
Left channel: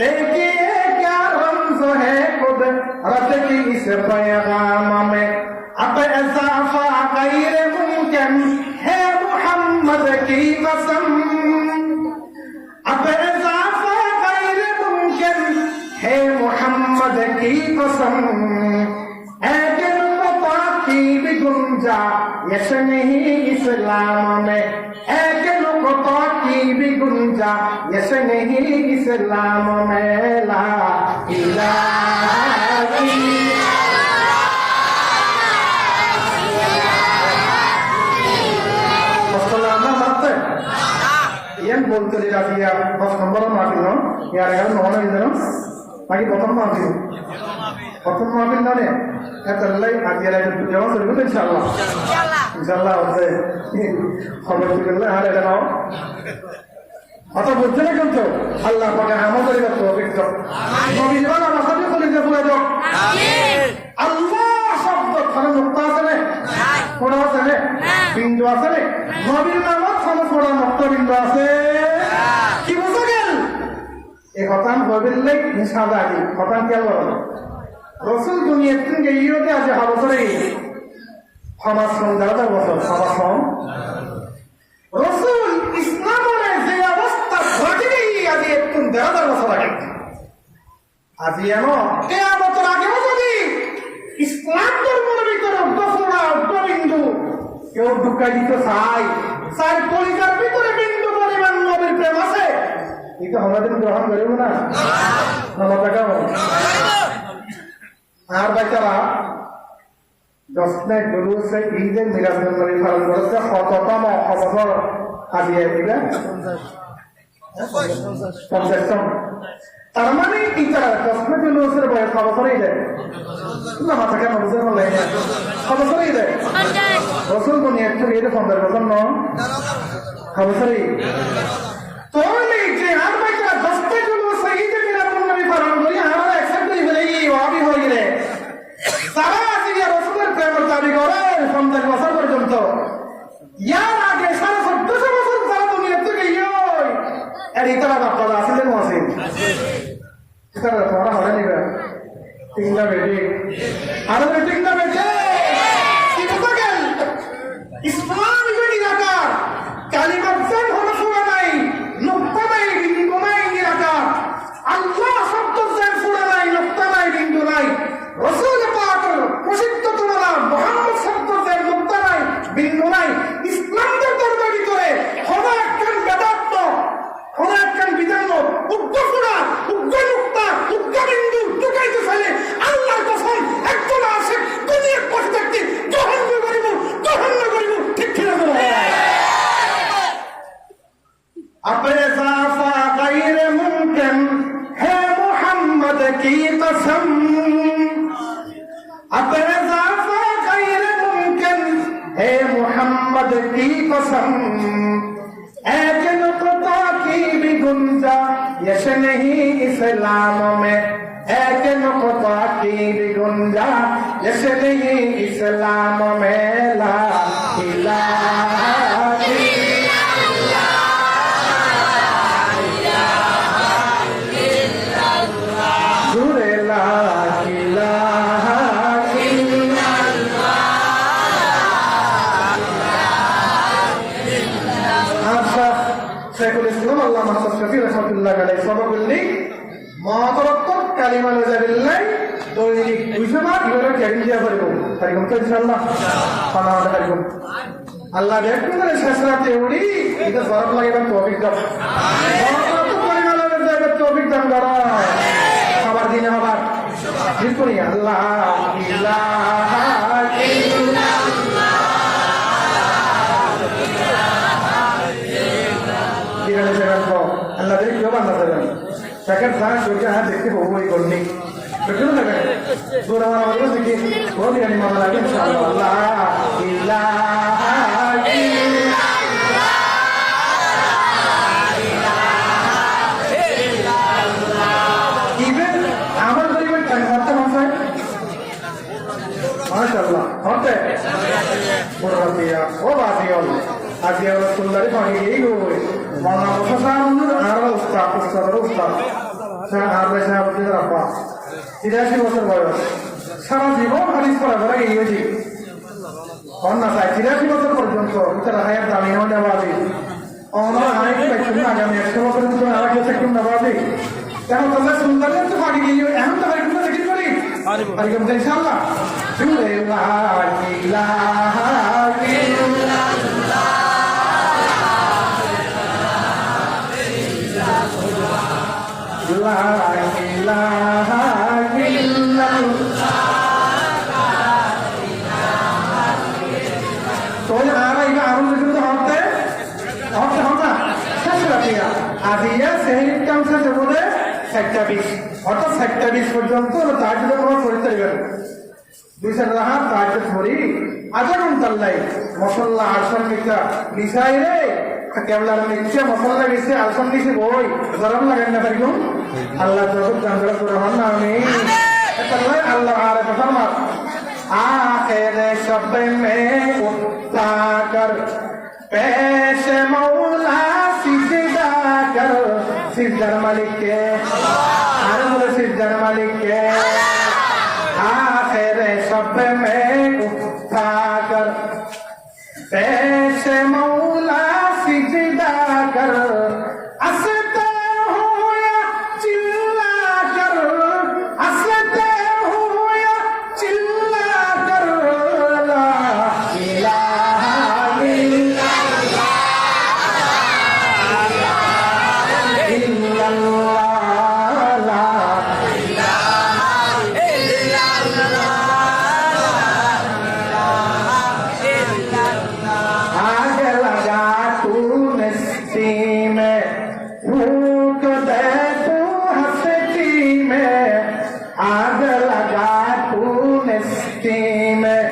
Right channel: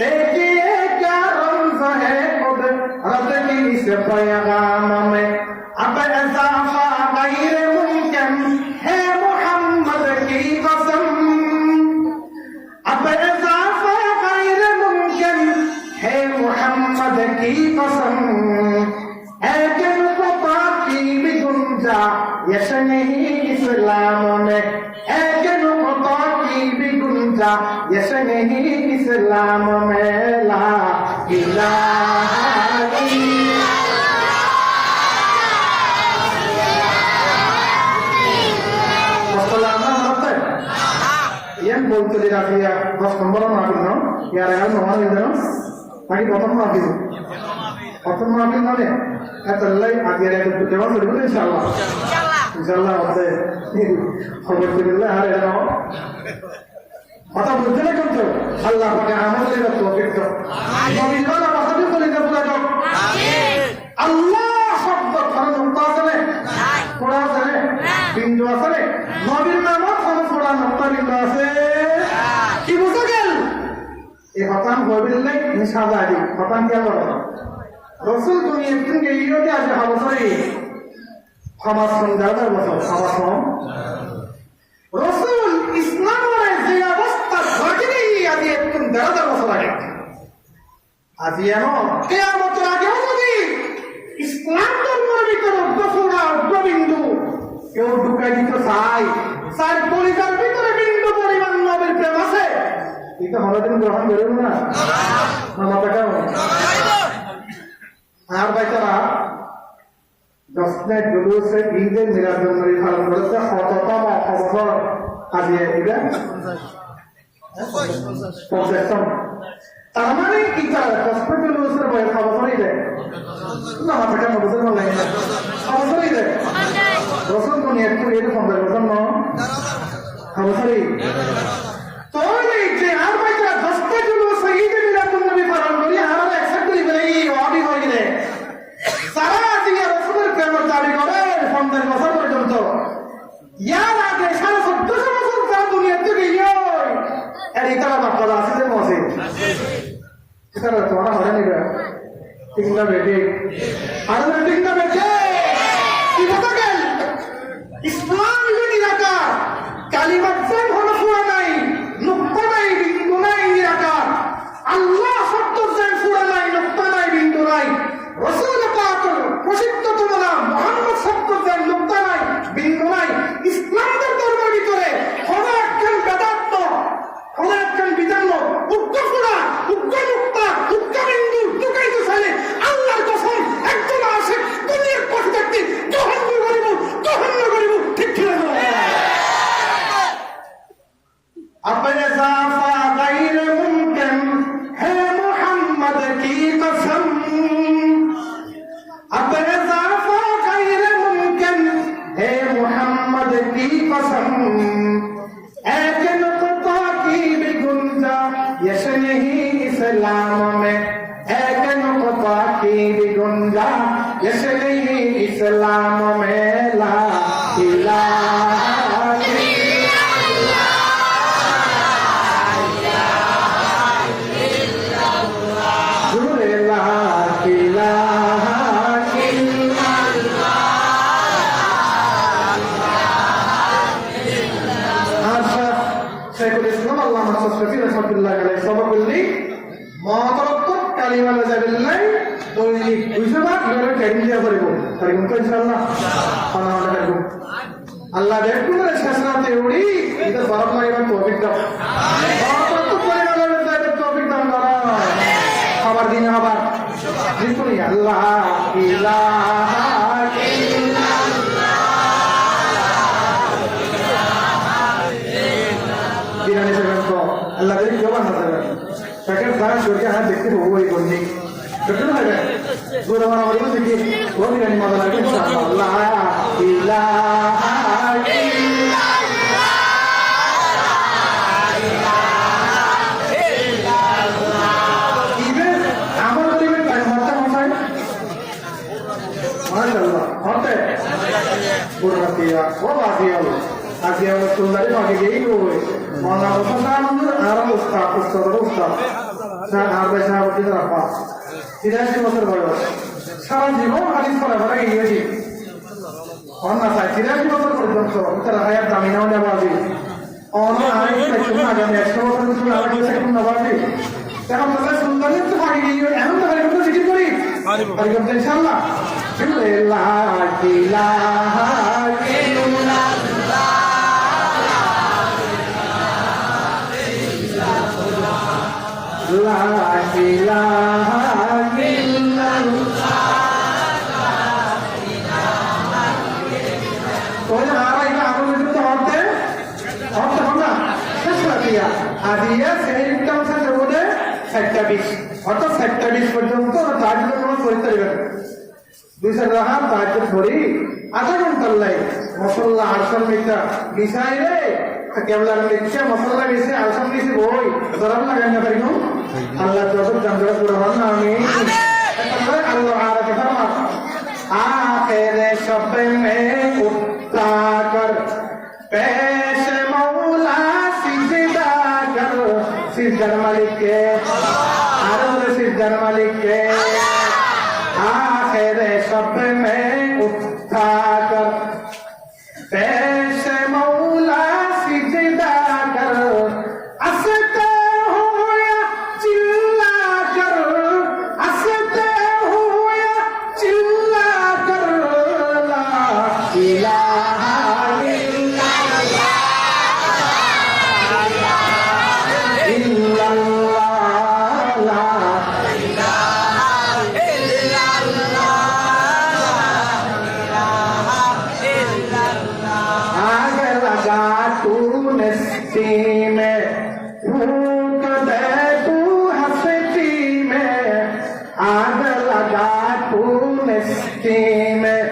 देखिए क्या रमज़ है कुदरत की इस पैगाम में अब इज़ाफ़ा गैर मुमकिन है मोहम्मद की कसम अब इज़ाफ़ा गैर मुमकिन है मोहम्मद की कसम लेकिन पता की भी गुंजाइश नहीं इस्लाम में लेकिन पता की भी गुंजाइश यश नहीं इस्लाम में ला इलाहा yang boleh tidak dia pas nomor maafin no ya regal nomor itu no lagi bottom maafin nane ya terlai aja lagi jawab dulu insyaallah oke khabar dibela hari ada no atau boleh kan tuh Allah pakai amal dari taufiq tuh nabi jalan apa saja boleh jawab tuh Allah sabda karena nukta sana थोड़ा सा है बिंदु आसने नबीर नामत हम थोड़ा नक्ता बिंदु आसे কি বুঝা গেল এই খতাম হবিল নাই নিশাবাদি খতাম কি হলো রাসূল দুনিয়া থেকে ইয়োতে আছে হাবসরে সমাজ সংদার বছর সমাজ সম রাসূল ইসলামের যে অবস্থা ঘটেই আগে একটু দেড় বছর আগে আজি এনো কিয়ামতের আগে যদি ইসলাম ধর্মের ভিতরে অগ্রবিন্দু কেউ ঢুকাই দিত চাই পরিকার ভিতরে বিন্দু পরিমাণ নবীর প্রেম আছে এটা হলদিন গ্রহণ করিব না মাথা কেমন আর বাচ্চারা দশটা জুলুসে ঈদের মিরাজ নবী পালন করেছে শততম অবসর আজি এটা 50তম তার মানে এটা দশটা জুলুসের বয়স অবসরই দেয় না মাথা কেন বুঝতে পারলে অবসরই দেয় রসুন তো নিয়ে একটু এটা 50% ন অবসরই তাহলে যে আর বাচ্চা দশটা জুলুসে ঈদের মিরাজ নবী পালন করি আর একসাথে করে ফেলে ওয়াবি হয়ে গেলে সারা আজকে রসুলের প্রেমের দাবি করে 50 বছর পর্যন্ত ইয়ার আগে 1450 বছর যারা দুনিয়া থেকে ইয়োই আর ইতারা বাপ্পারা আসলে মসে ইতারা তোরা হরে নিবে ঠিক না বেটি আর ঠিক না বেটি কি কথা গেল ইসলাম ইবনে নিরাকার কালিমাত জান হলো ফুরা নাই নুক্তা নাই বিন্দু নাই নিরাকার আল্লাহ শব্দ জান ফুরা নাই নুক্তা নাই বিন্দু নাই রাসূল পাক প্রসিদ্ধতম নাম মুহাম্মদ শব্দ জান নুক্তা নাই বিন্দু নাই ইসলামের ধর্মের ভিতরে কোন একজন বেদান্ত কোন একজন বিধান উগ্র ফুরা উগ্র নুক্তা উগ্র বিন্দু ঢুকাইতে চাইলে আল্লাহর কসম একজন আসে দুনিয়ার পথে থাকতে জহন্ন করিব ঠিক ছিল না अपने ज़ाफ़ा गैर मुमकिन है मोहम्मद की कसम अपने ज़ाफ़ा गैर मुमकिन है मोहम्मद की कसम एक नुक्ता की भी गुंजाइश नहीं इस्लाम में एक नुक्ता की भी गुंजाइश नहीं इस्लाम में ला इलाहा Allah Muhammad Syafi'i rahmatullahi alaihi sabab beli matarattat kalimat wajabillahi doi wisaba ibara karim dia baribo karikum to insyaallah ana karikum Allah dekku na shasrate udi ida sarap lagiban tawfik daw matarattat kalimat wajabillahi tawfik daw karo abar dine abar dipuni Allah ilaha illallah Allah dari jawaban masalah. Sekarang saya surga hanya dekati bahu ini koni. Betul tak? Guru orang orang itu sedikit. Gua bilang masalah lagi insyaallah. Allah ilaha illallah. Even amal dari mana horta mana? Masyaallah. Horta. Guru hatiya. Oh hatiya. Hatiya orang sundari pakai gini guru. Mana kosan arah ustaz. Saya habis saya bercerita apa? Tidak sih masalah baru. Sekarang di bawah hadis para orang ini sih. Karena saya tidak sih masalah berjontor. Kita rakyat damai nama nabi. Orang hari ini cuma ada masalah masalah cuma ada kita cuma nabi. Jangan pernah sebenarnya itu pagi ini. Enak tak hari kita sedikit beri. Hari kita insyaallah. Bismillah. Ilaha illallah. লা ইলাহা ইল্লাল্লাহ। তোমরা আরাইবা আরো যদি হতে হবে শেষ Ratia আদিয়া সেমির council জমুদে 27 অর্থাৎ 27 পর্যন্ত তাজুদ নামাজ পড়তে পারবেন। দুইশো রাহা তাজুদ পড়ি আধা ঘন্টার লাই মশলা আসন মিটা মিশাই রে কেবলার মিটছে মশলা মিশে আসন মিশে বই গরম লাগান না পারি আল্লাহ যত জানলা করে না আমি আল্লাহ আর ফরমা আখিরে শব মে উঠা কর পেশ মৌলা সিজদা কর সিজদার মালিক কে আর সিজদার মালিক কে आखिर सब में उठा कर पेश मौला सिजदा कर हंसते हो या चिल्ला कर हंसते हो या चिल्ला कर ला इलाहा इल्लल्लाह ला फूक दे तू हस्ती में आग लगा तू नस्ती में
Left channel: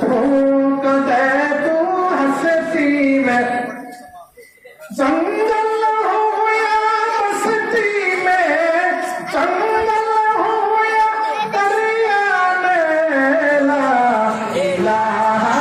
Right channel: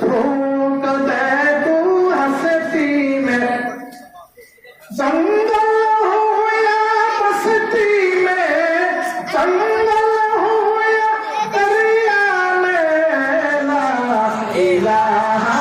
फूक दे तू हस्ती में जंगल हो या बस्ती में जंगल हो या दरिया में ला इलाहा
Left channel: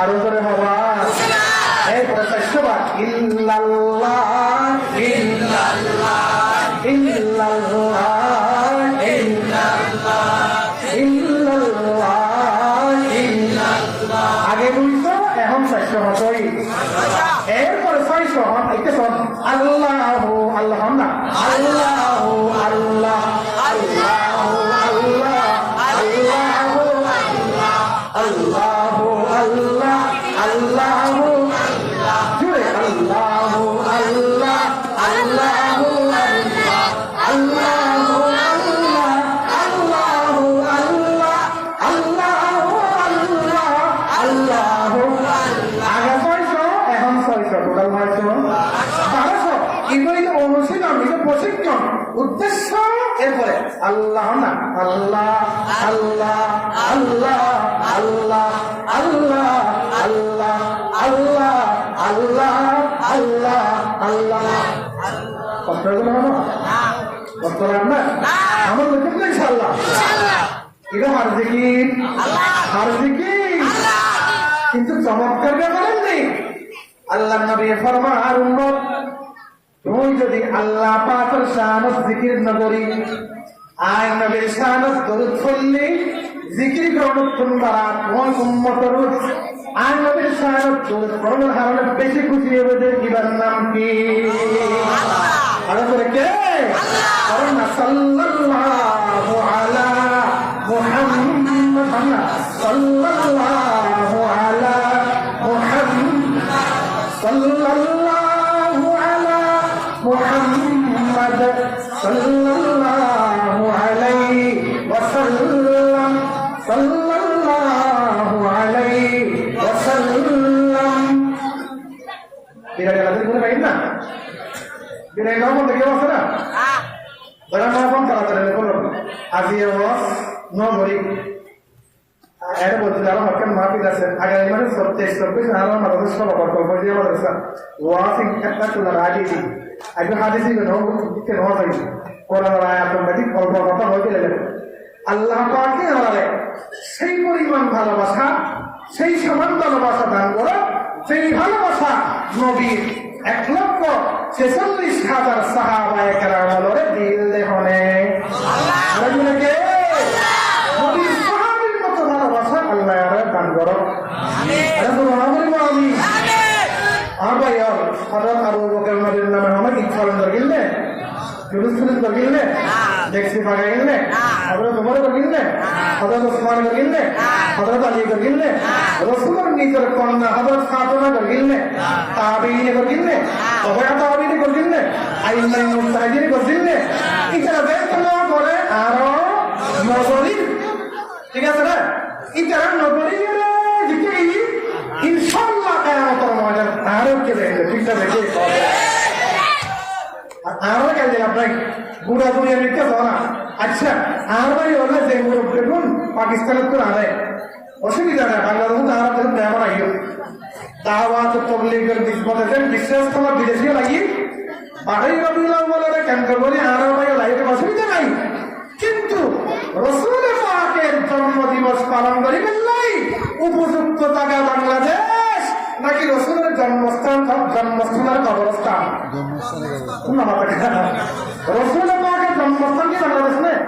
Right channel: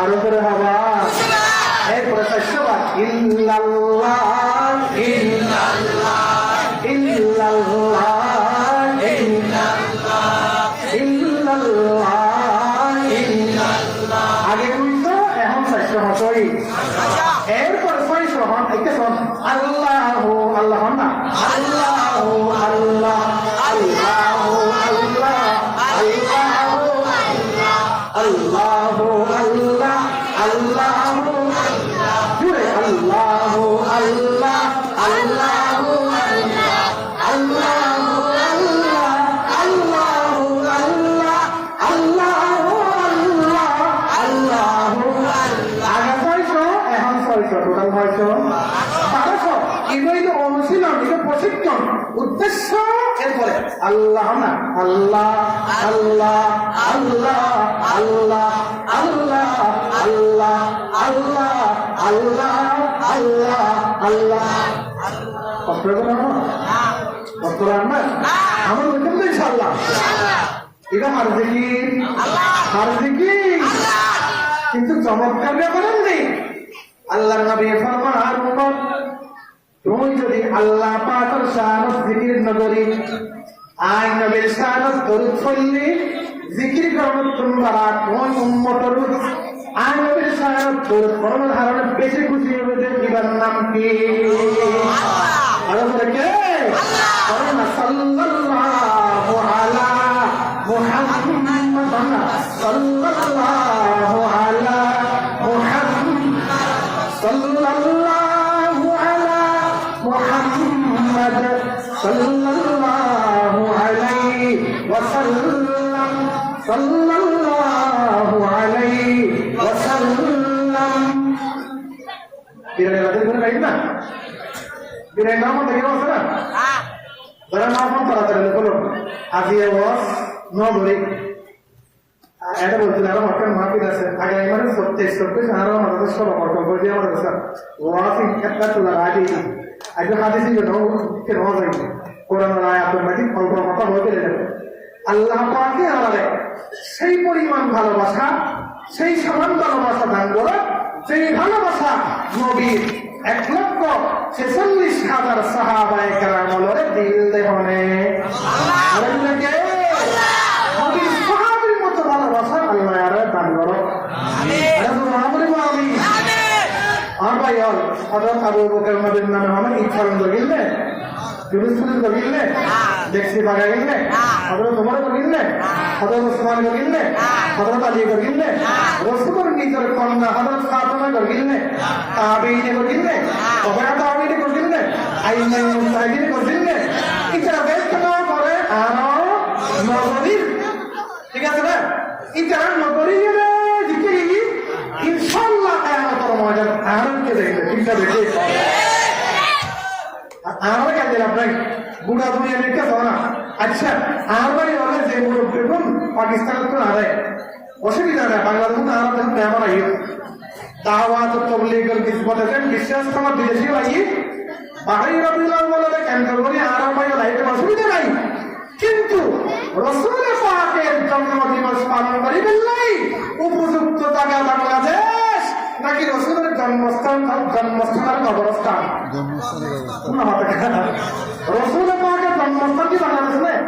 আরো করে হবা এরপরে 400 বার ইল্লাল্লাহ ইল্লাল্লাহ ইল্লাল্লাহ ইল্লাল্লাহ ইল্লাল্লাহ আগে 200 এখন 400 হতই এরপরে 600 হন একটা শোন আল্লাহু আল্লাহ না আল্লাহু আল্লাহ আল্লাহু আল্লাহ আল্লাহু আল্লাহু আল্লাহ আল্লাহু জুড়ে আল্লাহু আল্লাহ আল্লাহু আল্লাহু আল্লাহ আল্লাহু আল্লাহ আল্লাহু আল্লাহ আল্লাহু আল্লাহ আগে 600 এখন 600 টোটাল 900 ইগুলো অনুশীলন এটা প্রশিক্ষণ উদ্দেশ্য এরপরে আল্লাহ না আল্লাহ আল্লাহ আল্লাহ আল্লাহ আল্লাহ আল্লাহ আল্লাহ আল্লাহ আল্লাহ আল্লাহ কষ্ট হবে না কষ্ট হবে না আমার দেখুন তো ইনশাআল্লাহ এটা হার জিকির কিন্তু চমৎকার ব্যাপার নেই আল্লাহ নবী ফরমান আর উম্মত তুই যদি আল্লাহ পাকের শানত জিকির না করি আয় নবীর শানত দরুদ পড়লি জিকির করুন তোমরা কোন উম্মতের আয় নবীর শানত দরুদ পড়ার কারণে বেশি খুশি হবে যে ইবার নাম কি আল্লাহ বলে কে আল্লাহ সাল্লাল্লাহু আলা মুহাম্মদ সাল্লাল্লাহু আলা মুহাম্মদ সাল্লাল্লাহু আলা মুহাম্মদ সাল্লাল্লাহু আলাইহি ওয়াসাল্লাম সাল্লাল্লাহু আলাইহি ওয়াসাল্লাম দিনের রাতে করে পাই না দিনের নাম থেকে আছে না ধরা নাম তাড়াতাড়ি বলো আজিয়ে ওয়াস নগরী এটা বলছিল আরো হরকান মাহফিল আছে আগামী মানে 27 আরো আমাদের সব প্রকল্প দিয়ে আমাদের ওয়াস একটা তোলার আগে আগে হাদিসি কেন হয় কোরআন আয়াতুল মাজিদ অল্প কথা বলতে গেলেন আল্লাহ পাককে আমাদের সেই পরিমাণ ভালোবাসা সেই সমান ভালোবাসা দান করে সেই ভালোবাসা নবীর 1,46,000 সাহাবায়ে কেরাম বলে দিল দেহনে আল্লাহকে নবীর সাহাবীর মতো ভালোবাসা আল্লাহ আর দান করো আমিন আমিন আর ভাই হযরত আবু বকর নবীর নামে মানে ইচ্ছারণ করলে জুলুসুল করলে দেখছি ভাগা গেলে হযরত ওমর করলে হযরত ওসমান করলে হযরত আলী করলে রাসূলের নিজের কন্যা হযরত ফাতেমা করলে তাবিঈন করলে তবে তাবিঈন করলে আইমাই মুস্তাহিদ করলে ইকরা দেখলো করে আর নগরীর ঠিক আছে না ইকরা নগরীর দিকে ইনশাআল্লাহ কিয়ামতের ময়দান আরবকে দেখবে ঠিক আছে দেখে আর কেন দিলাম নাই বুড়া দুনিয়ার দিকে না আচ্ছা আর ভাই হলে যে মুরুখ দেখুন পাকিস্তানের তো আড়াই অসুবিধা নেই বাংলাদেশে তো আর দেখুন ব্যবহার আইও দাওয়াত তবলিগের নিসবতে বিশ্বাস তোমার বিদেশি লাগি বাহাই রবিউল আউয়ালে কেন্দ্র করে আর ভাই লাইতে অসুবিধা নাই কিন্তু রাসূল পাকের জন্মদিবস পালন করিবেন নাই উপযুক্ত জায়গা বাংলাদেশ নাকি রাসূলের জন্মস্থানের কবরস্থান রাসূল পাকের জন্মস্থান কি বাংলাদেশ নেই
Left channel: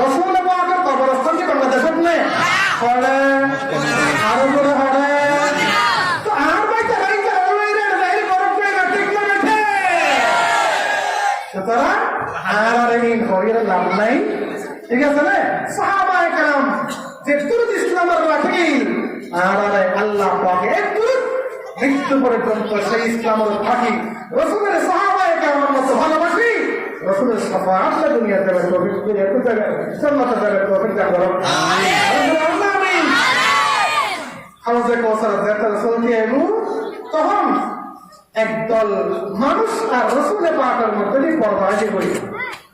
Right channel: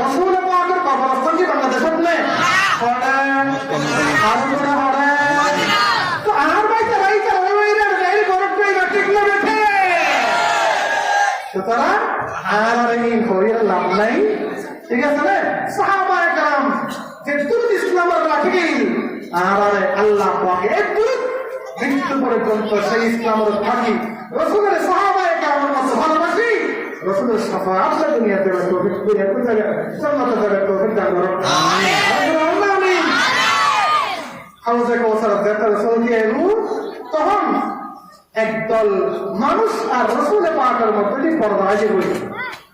রাসূল পাকের কবরস্থান কি বাংলাদেশ নেই হবে আরো করে হবে তো আর ভাই তারাই তারাই গরম করে ঠিক না বেঠে সুতরাং আর এই হইর লাভ নাই ঠিক আছে না সাহাবায়ে کرام যে তুরুত ইসলামের রাখে আর আল্লাহ পাকে এক তুরুত মৃত্যু পর্যন্ত সেই ইসলামের থাকি রাসূলের সাহাবায়ে کرام মতো ভালোবাসি রাসূলের শাফাআত দুনিয়াতে তৌফিক করে এত জায়গা জান্নাতে যাবে তৌফিক দান করো আমিন আমিন হাউজে কওসার দেখতে রাসূলকে এলো তখন একদল মানুষ আর রাসূল পাকের মধ্যে পর্দা আছে বলি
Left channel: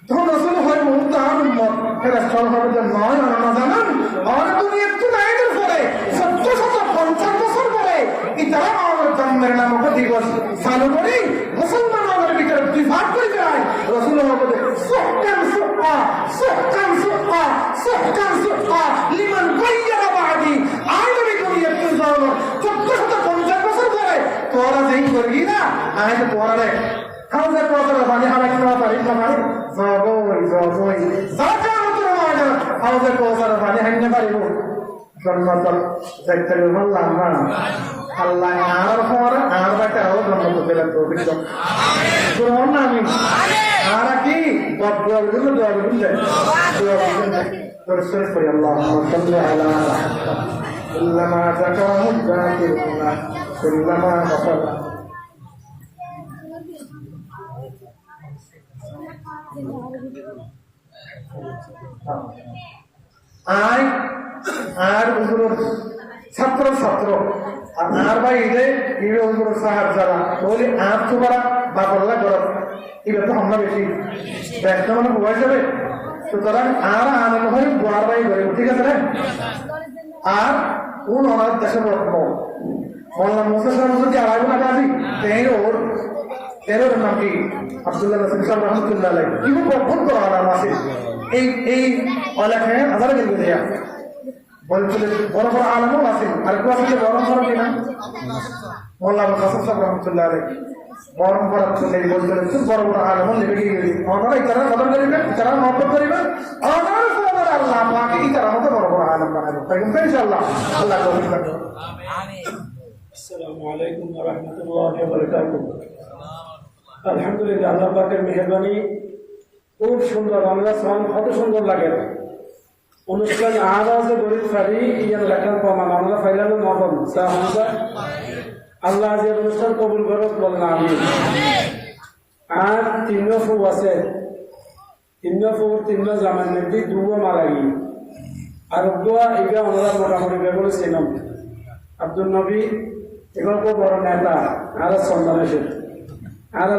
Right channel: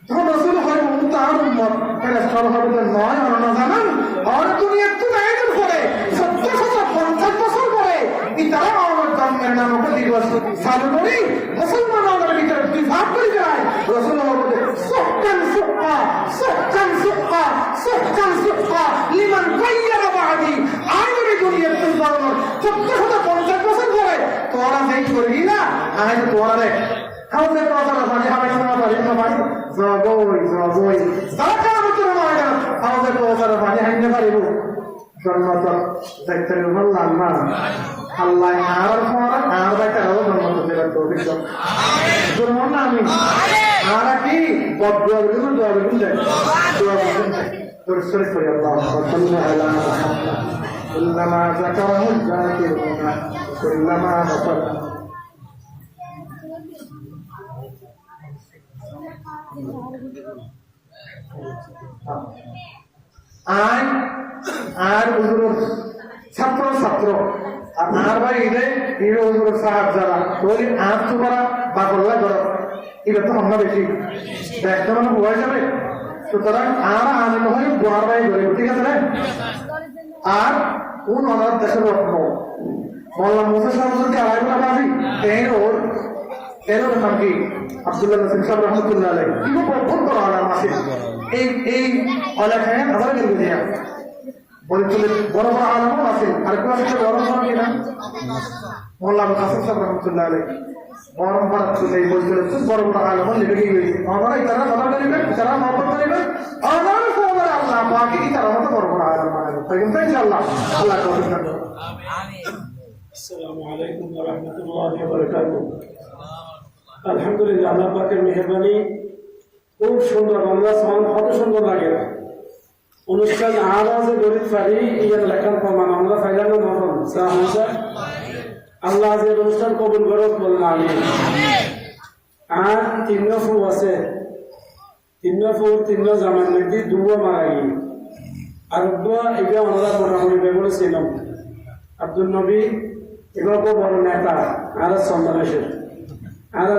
তখন রাসূল হয় তার উম্মত ফেরেশতা হবে যে নয় আর না জানেন আর দুনিয়ার তো নাই পরে 750 বছর পরে ইতারা আমার জন্মের নামক দিবস চালু করি মুসলমানদের ভিতরে দুই ভাগ করে যায় রাসূল হবে সুক্কান সুক্কা সুক্কান সুক্কা সুক্কান সুক্কা লিমান গায়্যারা বাদি আইনবি দুনিয়ার তো যাওয়ার 750 বছর পরে তোরা যেই করবি না আজ তোরা রে হাউজে কওসার পানি হবে না পারি না পারি জবই সাকা মতর ময়দান হাউজে কওসার পানি হাইতে পারিব জন্মতন যাইতেন আল্লাহ আল্লাহ আর পর আর বাইতে আলো জন্মত দেবেন তো বিদ্য আমিন আমিন আর কি দোয়া করুন যায় দোয়া করুন পরিষ্কার করে আল্লাহুম্মা সাল্লি আলা মুহাম্মাদ কুল্লামা যাকারাহু যাকিরুনা কুল্লামা গাফারা আয় আর হুজুর ছাত্র ছাত্র আর ভাই ইদে ইরে হুজুর সাহাব যারা তোলি আর তোমরা বাকল্লা করো এটা তো আমরা বেশি ব্যস্ত মানে হয়ে যাবে সুতরাং আর আমি নয় গোয়ার ভাই ধরে ঠিক আছে আর কোন অনাথ দেশের রত্ন মোল্লা মুসা সাহেব যদি আড়াই না পাবি তেরোর নাম কি আব্দুল্লাহ নাসির সাহেব রহমতুল্লাহ আলাইহি কিন্তু বহুত বড় আলাম আছে এই অলেখায় আবার গেল দিয়া বলছিলেন বড় বড় আলমও আছেন আর কেউ আছে বড় বড় কিনা মোল্লা আবুল কাসেম সাহেব রহমতুল্লাহ আলাইহি বড় বড় থেকে বলছিলেন বড় বড় আলম লিখে দিয়ে গেলি আপনারা ইতারা কদর করিবেন ইতারা মহব্বত করিবেন আমার সবার আল্লাহ পাকে ইতারা মতো বড় বড় আলম বানাবেন তাই কিন্তু ইনশাআল্লাহ আল্লাহ তৌফিক দান করুন আমিন আসসালামু আলাইকুম ওয়া রাহমাতুল্লাহি ওয়া বারাকাতুহু আলহামদুলিল্লাহ আল্লাহ পাকের মেহেরবানি খুব সুন্দর আমরা সব কত সুন্দর লাগে অনুষ্ঠান আরো যে গরিব পারি ইয়ার লেখার প্রমাণ আমরা ফাইলানো মতন আল্লাহ যে অনুষ্ঠান কবুল করত বলেন আমি আর তিন ফু আছে তিন জামান মধ্যে দুয়া মারা গিয়ে আর দুয়া এটা আমরা মোটামুটি ব্যবহার ছিলাম আব্দুল নবী এগুলো খুব বড় নেতা আর সন্তানেশ্বর আর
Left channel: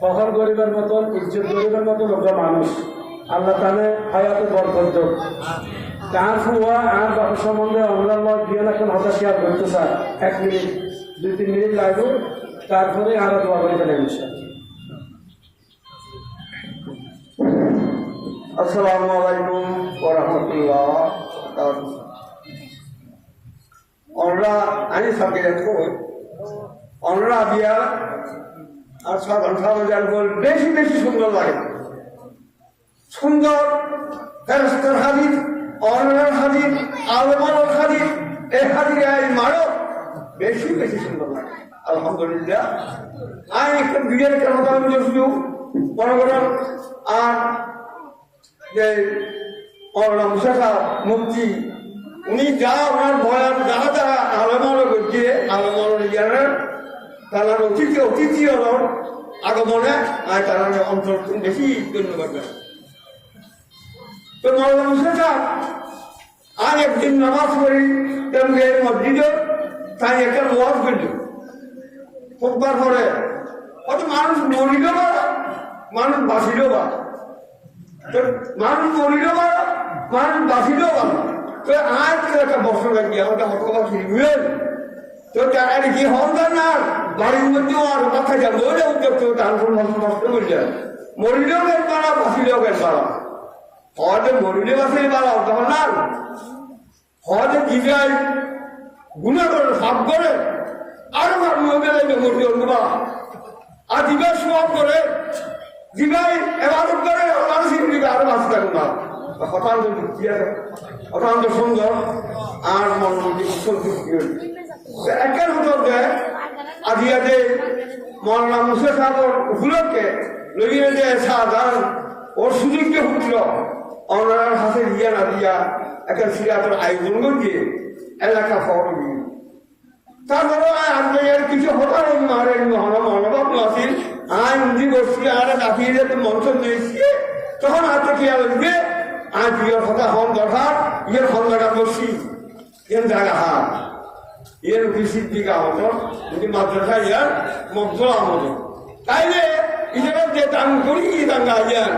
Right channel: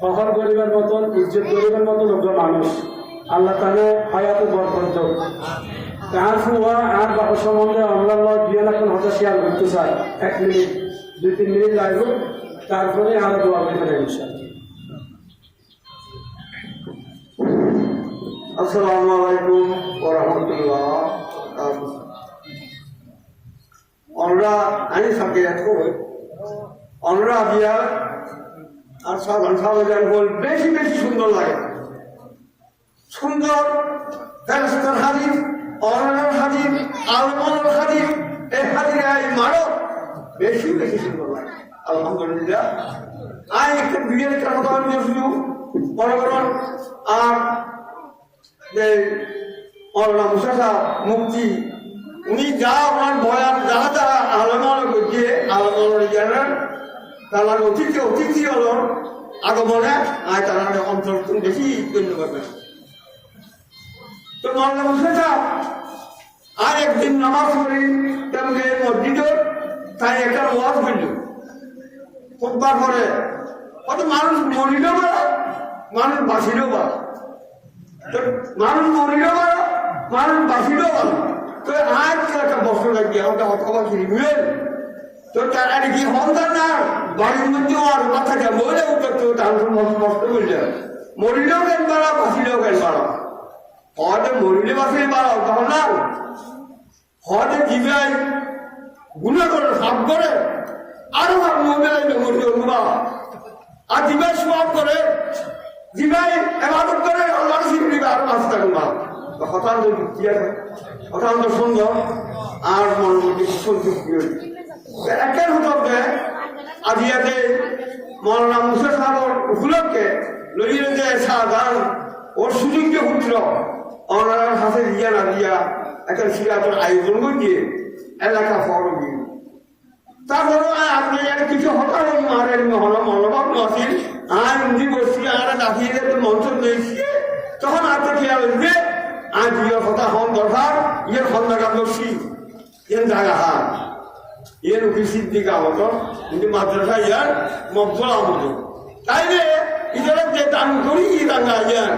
ফখর করিবার মতন ইজ্জত করিবার মতন লোক মানুষ আল্লাহ তাহলে হায়াত বরকত তার ফুয়া আর বাবার সম্বন্ধে আমরা দুই এখন হতা শেয়ার করতে চাই 1 মিনিট 2-3 মিনিট লাগবে তারপরে আরো দোয়া করে ফেলে আসসালামু আলাইকুম ওয়া রাহমাতুল্লাহ আমরা আমি সবকে দেখো আমরা বিয়া আর সাধারণ বল বেশি বেশি সুন্দর লাগে সুন্দর ফেরেশতার হাদিস অনলার হাদিস আলমার হাদিস এই হাদিস মারো বেশি বেশি সুন্দর লাগে আলহামদুলিল্লাহ আর একটা বিয়ের কেন কারণ শুধু মনে করেন আর মুসাফা মুক্তি উনি যা ওনার বয়ান যাহা যাহা আলমালো করছে আলমালো জ্ঞানের তার অতিথি হল আগমনে আর তার অঞ্চল বেশি গণ্য করবে তো মৌলানা মুসাফা আর একদিন নামাজ পড়ি তেমনি মসজিদে তাই একটা ওয়াজ করল খুববার পরে অত মানুষ মরিল পারা মানুষ বাঁচিলেও পারা মানুষ মরিল পারা মানুষ বাঁচিলেও পারা তো আজ একটা বছর লাগিয়ে আমাকে হতবাসী বুঝলেন তো তারা কি হন্দার না বাড়ির মধ্যেও আর কথা যায় মরে উঠতে তো তার নষ্ট করলেন মরিলেও গেল পারা বাঁচিলেও গেল পারা হয়তো মরিলে বাঁচিলে পারা তখন না হয়তো জিগায় গুণা করে সাপ করে আরো মরিল গুণা আর জিগায় সব করে জিগায় এবাদত করে মানুষ আরো বাঁচতে থাকুন না হঠাৎ যুক্তি আছে অত্যন্ত সুন্দর আর মনের মধ্যে সন্তুষ্টি হয়েছে একের হতে আজিয়াতে মৌলানা মুসা সাহেবের উপলক্ষে লইয়ে যে সাধারণ ওর সুযোগ্য পুত্র ওনার হাতে দিয়া না দিয়া একটা সিরাতের আয়োজন করছে এলাকা ফরবি তারপরে আপনি কিছু হতা হই মারেন হল মনোভাব আসিল আয় উনি বসছি আর কাটিয়ে যেতে মঞ্চ পেয়েছি তখন আপনি খেয়াল হইবে আজ ইয়ের কথা হন দরকার ইয়ের খন্দাকার বসছি এর জায়গা হাত এর অফিসির দিকে আমত কিন্তু মাদ্রাসা ইয়ার মকবল আমত তাইলে ইজারা যে দান করি দাঙ্গা ইয়ার